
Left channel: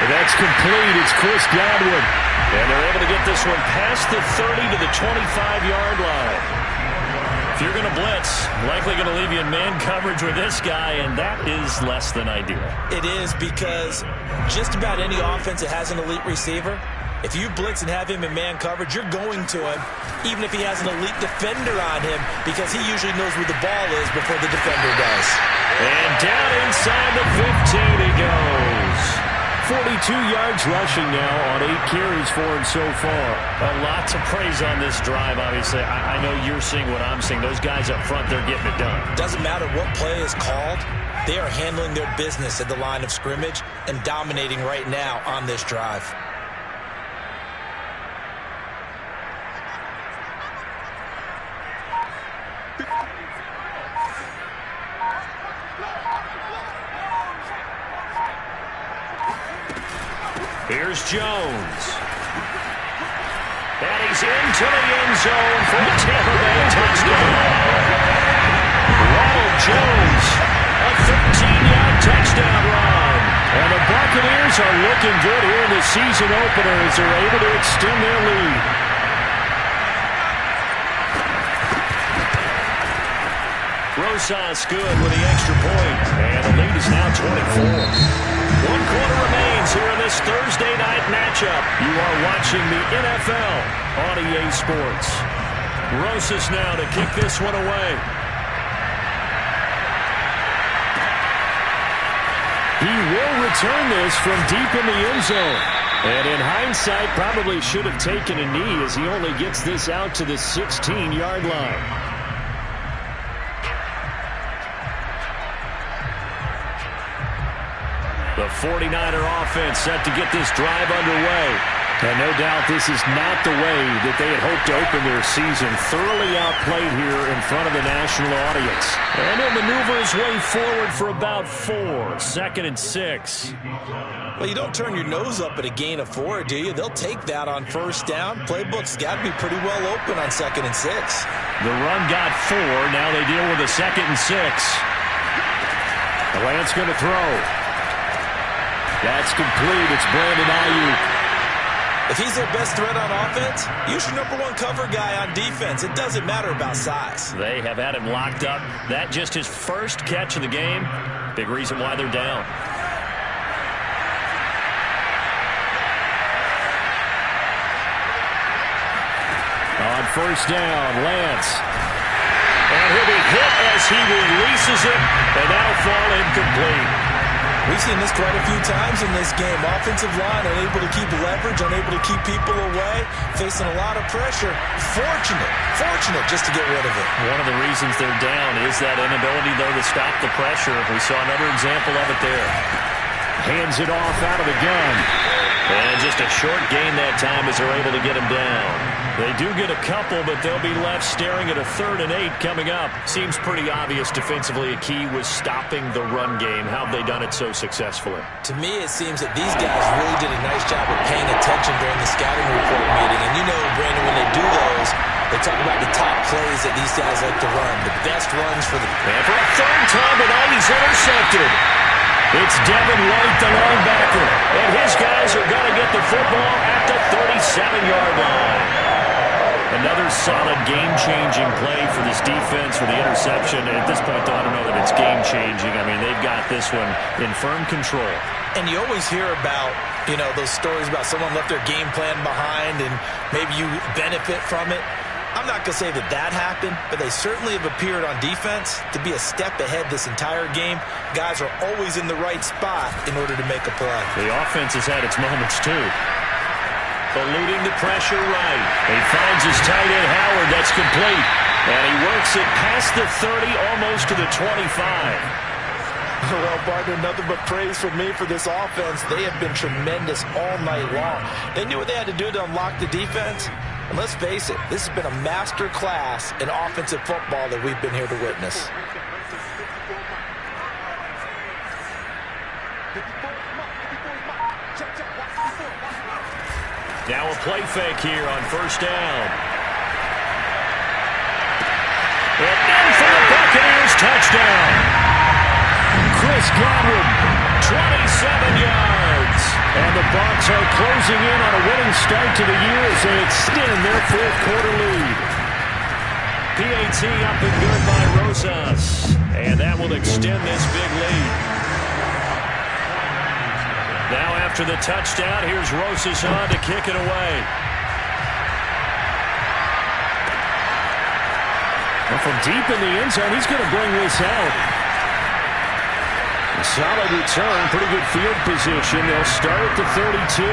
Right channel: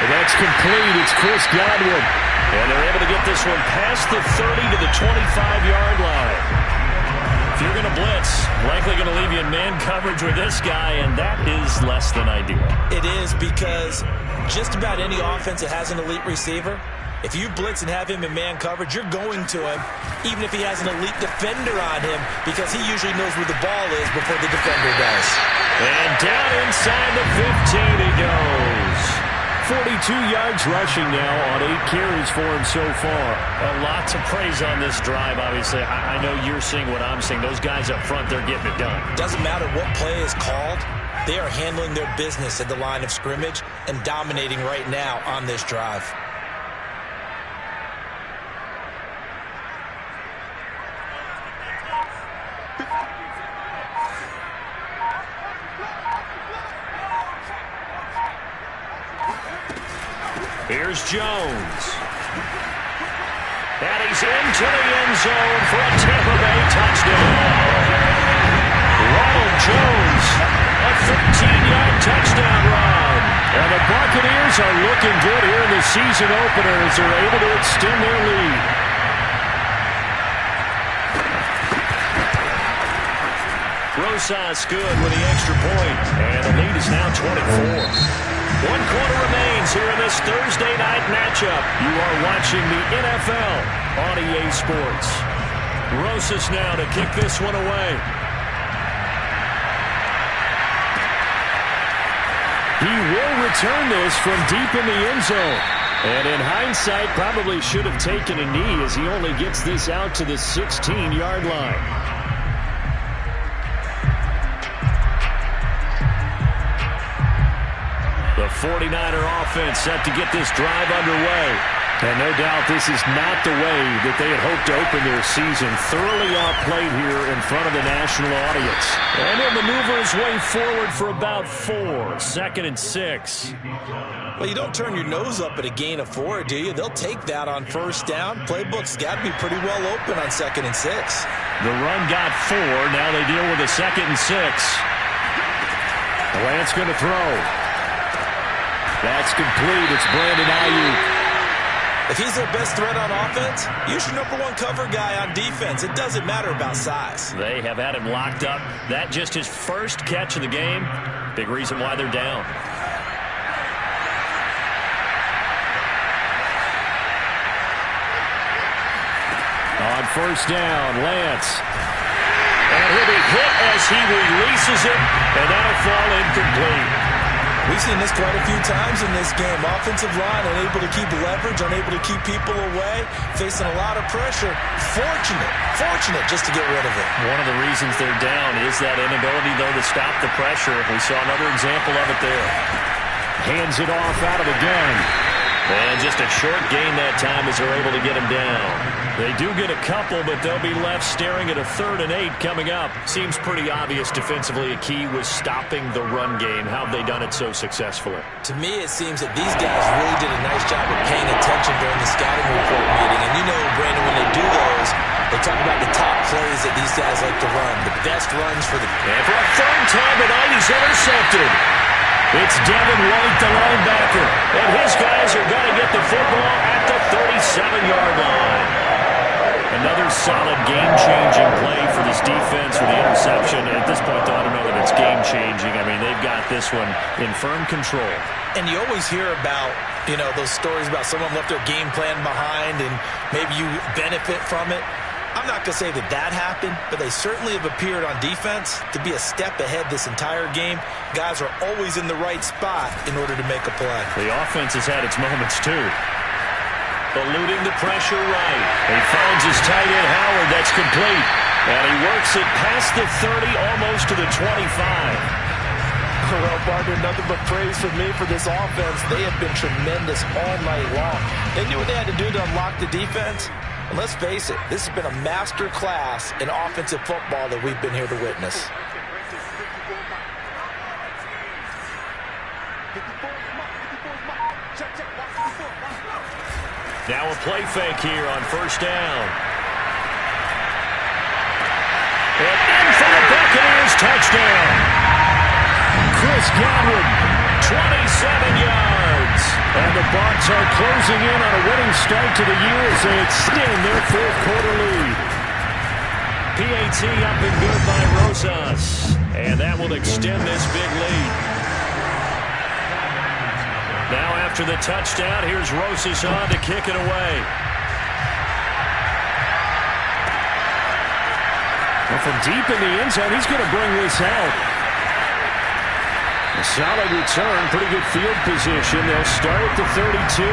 And that's complete. It's Chris Godwin. And they're able to get this one past the 30 to the 25-yard line. If you're going to blitz, likely going to leave you in man coverage with this guy, and that is less than ideal. It is, because just about any offense that has an elite receiver, if you blitz and have him in man coverage, you're going to him, even if he has an elite defender on him, because he usually knows where the ball is before the defender does. And down inside the 15 he goes. 42 yards rushing now on 8 carries for him so far. A lot to praise on this drive, obviously. I know you're seeing what I'm seeing. Those guys up front, they're getting it done. Doesn't matter what play is called. They are handling their business at the line of scrimmage and dominating right now on this drive. Here's Jones. And he's into the end zone for a Tampa Bay touchdown. Ronald Jones, a 13-yard touchdown run. And the Buccaneers are looking good here in the season opener as they're able to extend their lead. Rosas good with the extra point. And the lead is now 24. 1 quarter remains here in this Thursday night matchup. You are watching the NFL on EA Sports. Rosas now to kick this one away. He will return this from deep in the end zone. And in hindsight, probably should have taken a knee as he only gets this out to the 16-yard line. The 49er offense set to get this drive underway. And no doubt this is not the way that they had hoped to open their season. Thoroughly outplayed here in front of the national audience. And he'll maneuver his way forward for about 4. 2nd and 6. Well, you don't turn your nose up at a gain of 4, do you? They'll take that on first down. Playbook's got to be pretty well open on 2nd and 6. The run got 4. Now they deal with a 2nd and 6. The Lance going to throw. That's complete. It's Brandon Ayuk. If he's their best threat on offense, use your #1 cover guy on defense. It doesn't matter about size. They have had him locked up. That just his first catch of the game. Big reason why they're down. On first down, Lance. And he'll be hit as he releases it, and that'll fall incomplete. We've seen this quite a few times in this game. Offensive line unable to keep leverage, unable to keep people away, facing a lot of pressure. Fortunate just to get rid of it. One of the reasons they're down is that inability, though, to stop the pressure. We saw another example of it there. Hands it off out of the gun. And just a short gain that time as they're able to get him down. They do get a couple, but they'll be left staring at a 3rd and 8 coming up. Seems pretty obvious defensively a key was stopping the run game. How have they done it so successfully? To me, it seems that these guys really did a nice job of paying attention during the scouting report meeting. And you know, Brandon, when they do those, they talk about the top plays that these guys like to run, the best runs for the... And for a 3rd time tonight, he's intercepted. It's Devin White, the linebacker, and his guys are going to get the football at the 37-yard line. Another solid game-changing play for this defense for the interception. At this point, though, I don't know that it's game-changing. I mean, they've got this one in firm control. And you always hear about, you know, those stories about someone left their game plan behind and maybe you benefit from it. I'm not going to say that that happened, but they certainly have appeared on defense to be a step ahead this entire game. Guys are always in the right spot in order to make a play. The offense has had its moments, too. Eluding the pressure right. He finds his tight end, Howard. That's complete. And he works it past the 30, almost to the 25. Well, partner, nothing but praise from me for this offense. They have been tremendous all night long. They knew what they had to do to unlock the defense. And let's face it, this has been a master class in offensive football that we've been here to witness. Now a play fake here on first down. And in for the Buccaneers, touchdown. Chris Godwin, 27 yards. And the Bucs are closing in on a winning start to the year as they extend their fourth quarter lead. PAT up and good by Rosas. And that will extend this big lead. Now after the touchdown, here's Rosas on to kick it away. Well, from deep in the end zone, he's going to bring this out. A solid return, pretty good field position. They'll start at the 32.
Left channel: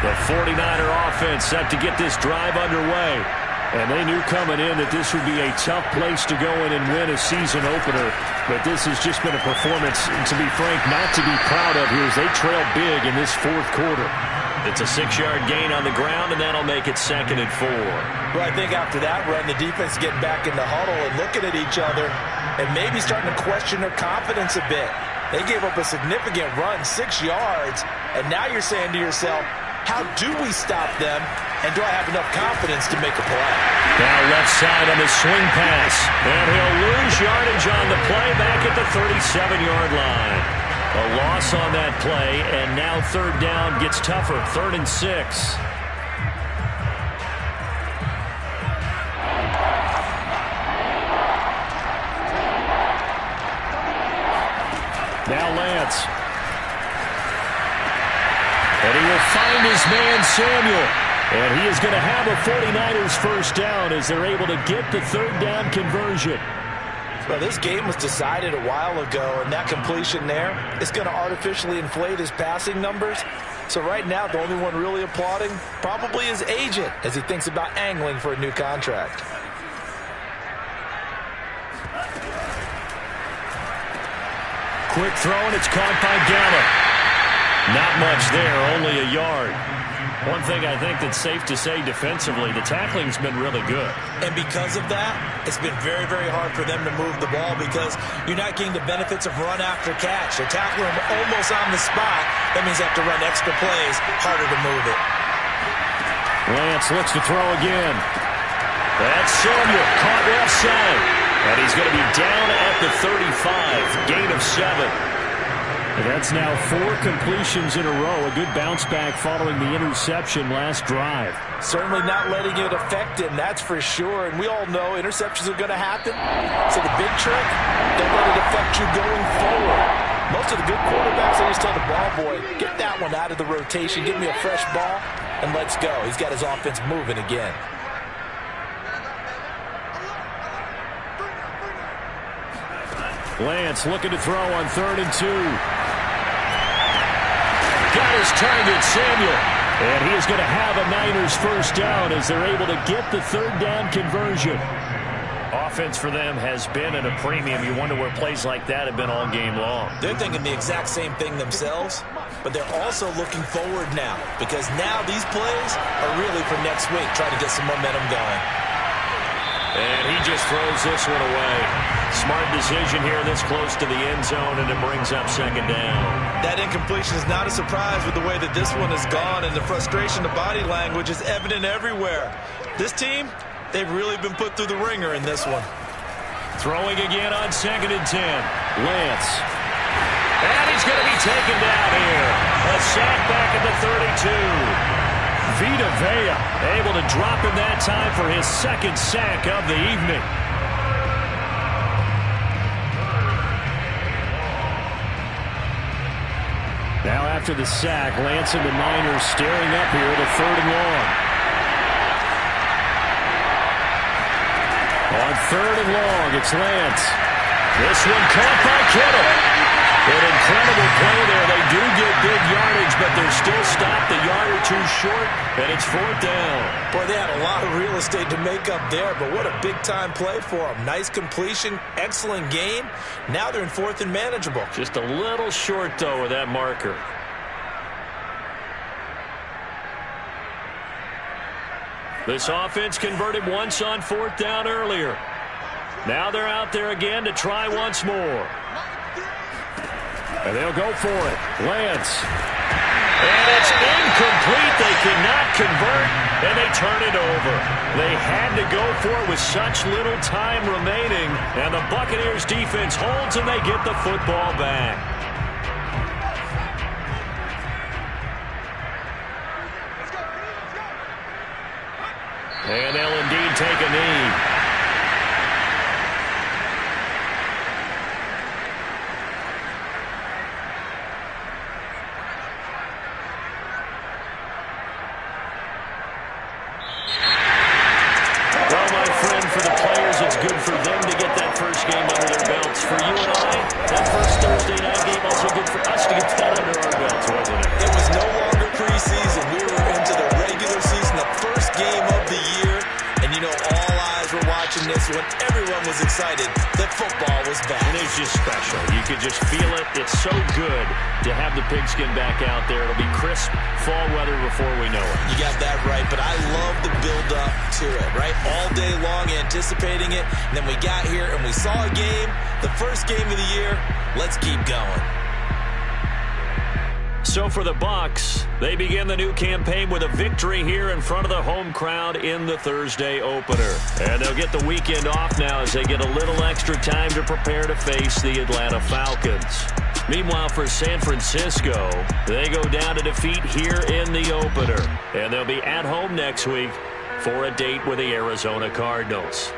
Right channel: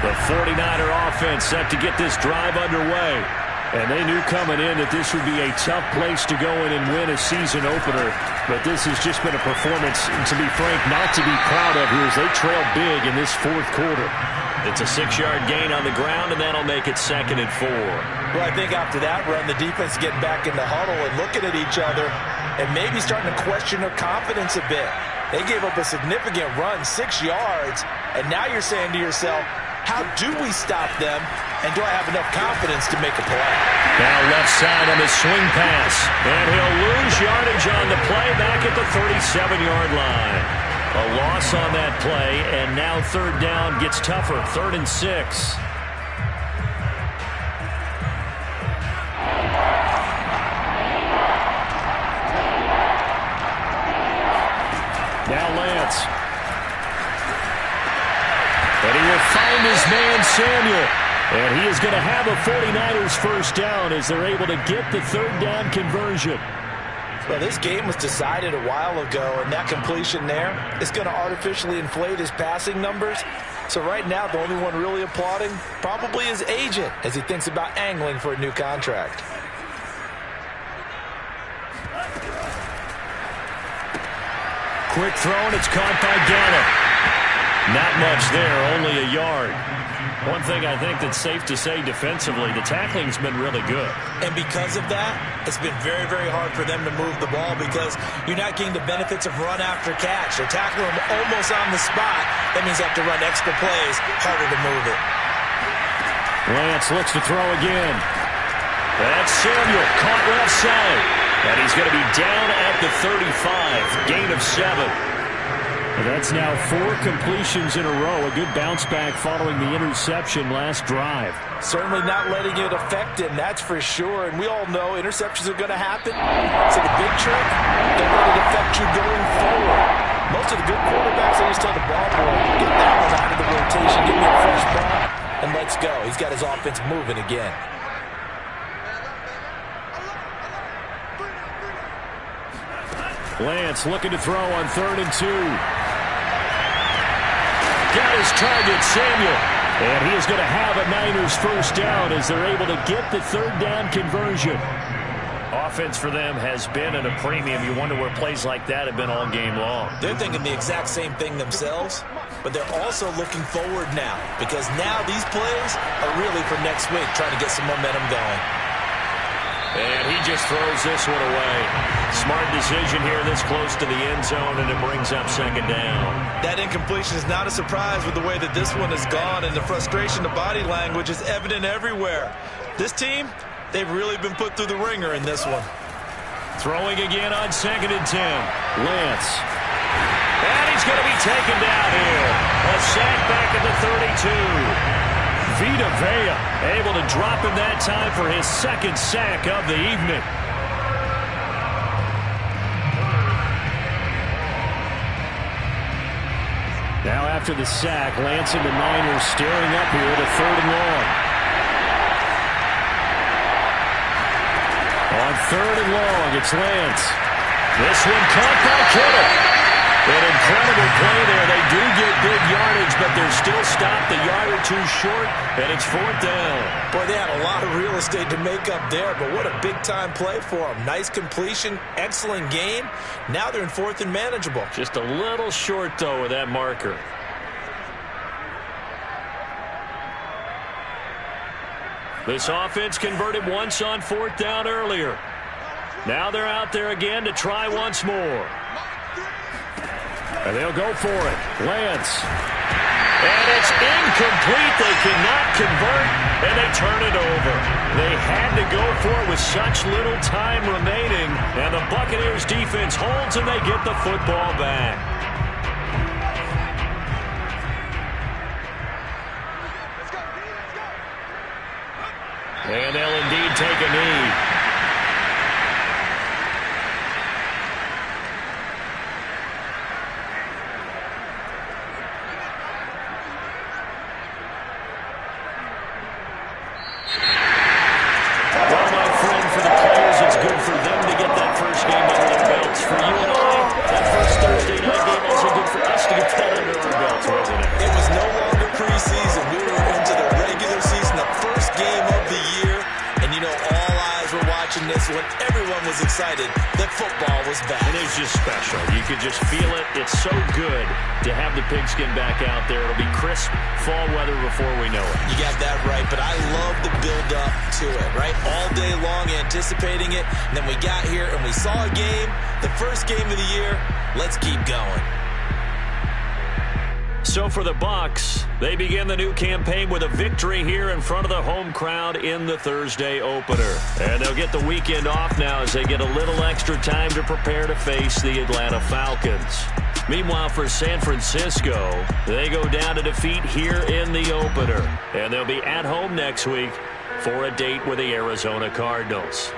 The 49er offense set to get this drive underway. And they knew coming in that this would be a tough place to go in and win a season opener. But this has just been a performance, to be frank, not to be proud of here as they trail big in this fourth quarter. It's a 6-yard gain on the ground, and that'll make it 2nd and 4. Well, I think after that run, the defense getting back in the huddle and looking at each other and maybe starting to question their confidence a bit. They gave up a significant run, 6 yards, and now you're saying to yourself, how do we stop them, and do I have enough confidence to make a play? Now left side on the swing pass, and he'll lose yardage on the play back at the 37-yard line. A loss on that play, and now third down gets tougher, 3rd and 6. Now Lance. And he will find his man, Samuel. And he is going to have a 49ers first down as they're able to get the third down conversion. Well, this game was decided a while ago, and that completion there is going to artificially inflate his passing numbers. So right now, the only one really applauding probably his agent as he thinks about angling for a new contract. Quick throw, and it's caught by Gallup. Not much there, only a yard. One thing I think that's safe to say defensively, the tackling's been really good. And because of that, it's been very, very hard for them to move the ball because you're not getting the benefits of run after catch. They're tackling them almost on the spot. That means they have to run extra plays, harder to move it. Lance looks to throw again. That's Samuel, caught left side. And he's going to be down at the 35, gain of 7. That's now 4 completions in a row. A good bounce back following the interception last drive. Certainly not letting it affect him, that's for sure. And we all know interceptions are going to happen. So the big trick, don't let it affect you going forward. Most of the good quarterbacks, they just tell the ball boy, get that one out of the rotation, give me a fresh ball, and let's go. He's got his offense moving again. Lance looking to throw on 3rd and 2. Got his target, Samuel. And he is going to have a Niners first down as they're able to get the third down conversion. Offense for them has been at a premium. You wonder where plays like that have been all game long. They're thinking the exact same thing themselves, but they're also looking forward now because now these plays are really for next week, trying to get some momentum going. And he just throws this one away. Smart decision here this close to the end zone, and it brings up 2nd down. That incompletion is not a surprise with the way that this one has gone, and the frustration, the body language is evident everywhere. This team, they've really been put through the ringer in this one. Throwing again on 2nd and 10. Lance. And he's going to be taken down here. A sack back at the 32. Vita Vea able to drop him that time for his 2nd sack of the evening. Now after the sack, Lance and the Niners staring up here at a 3rd and long. On 3rd and long, it's Lance. This one caught by Kittle. An incredible play there. They do get big yardage, but they're still stopped a yard or two short, and it's 4th down. Boy, they had a lot of real estate to make up there, but what a big-time play for them. Nice completion, excellent game. Now they're in 4th and manageable. Just a little short, though, with that marker. This offense converted once on 4th down earlier. Now they're out there again to try once more. And they'll go for it. Lance. And it's incomplete. They cannot convert, and they turn it over. They had to go for it with such little time remaining, and the Buccaneers defense holds, and they get the football back. And they'll indeed take a knee. Well, my friend, for the players, it's good for them to get that first game under their belts. For you and I, that first Thursday night game also good for us to get that under our belts, wasn't it? It was no longer preseason. We were into the regular season, the first game of the year. And, you know, all eyes were watching this when everyone was excited that football was back. And it's just special. You could just feel it. It's so good to have the pigskin back out there. It'll be crisp fall weather before we know it. You got that right, but I love the build-up to it, right? All day long anticipating it, and then we got here and we saw a game, the first game of the year. Let's keep going. So for the Bucs, they begin the new campaign with a victory here in front of the home crowd in the Thursday opener. And they'll get the weekend off now as they get a little extra time to prepare to face the Atlanta Falcons. Meanwhile, for San Francisco, they go down to defeat here in the opener. And they'll be at home next week for a date with the Arizona Cardinals.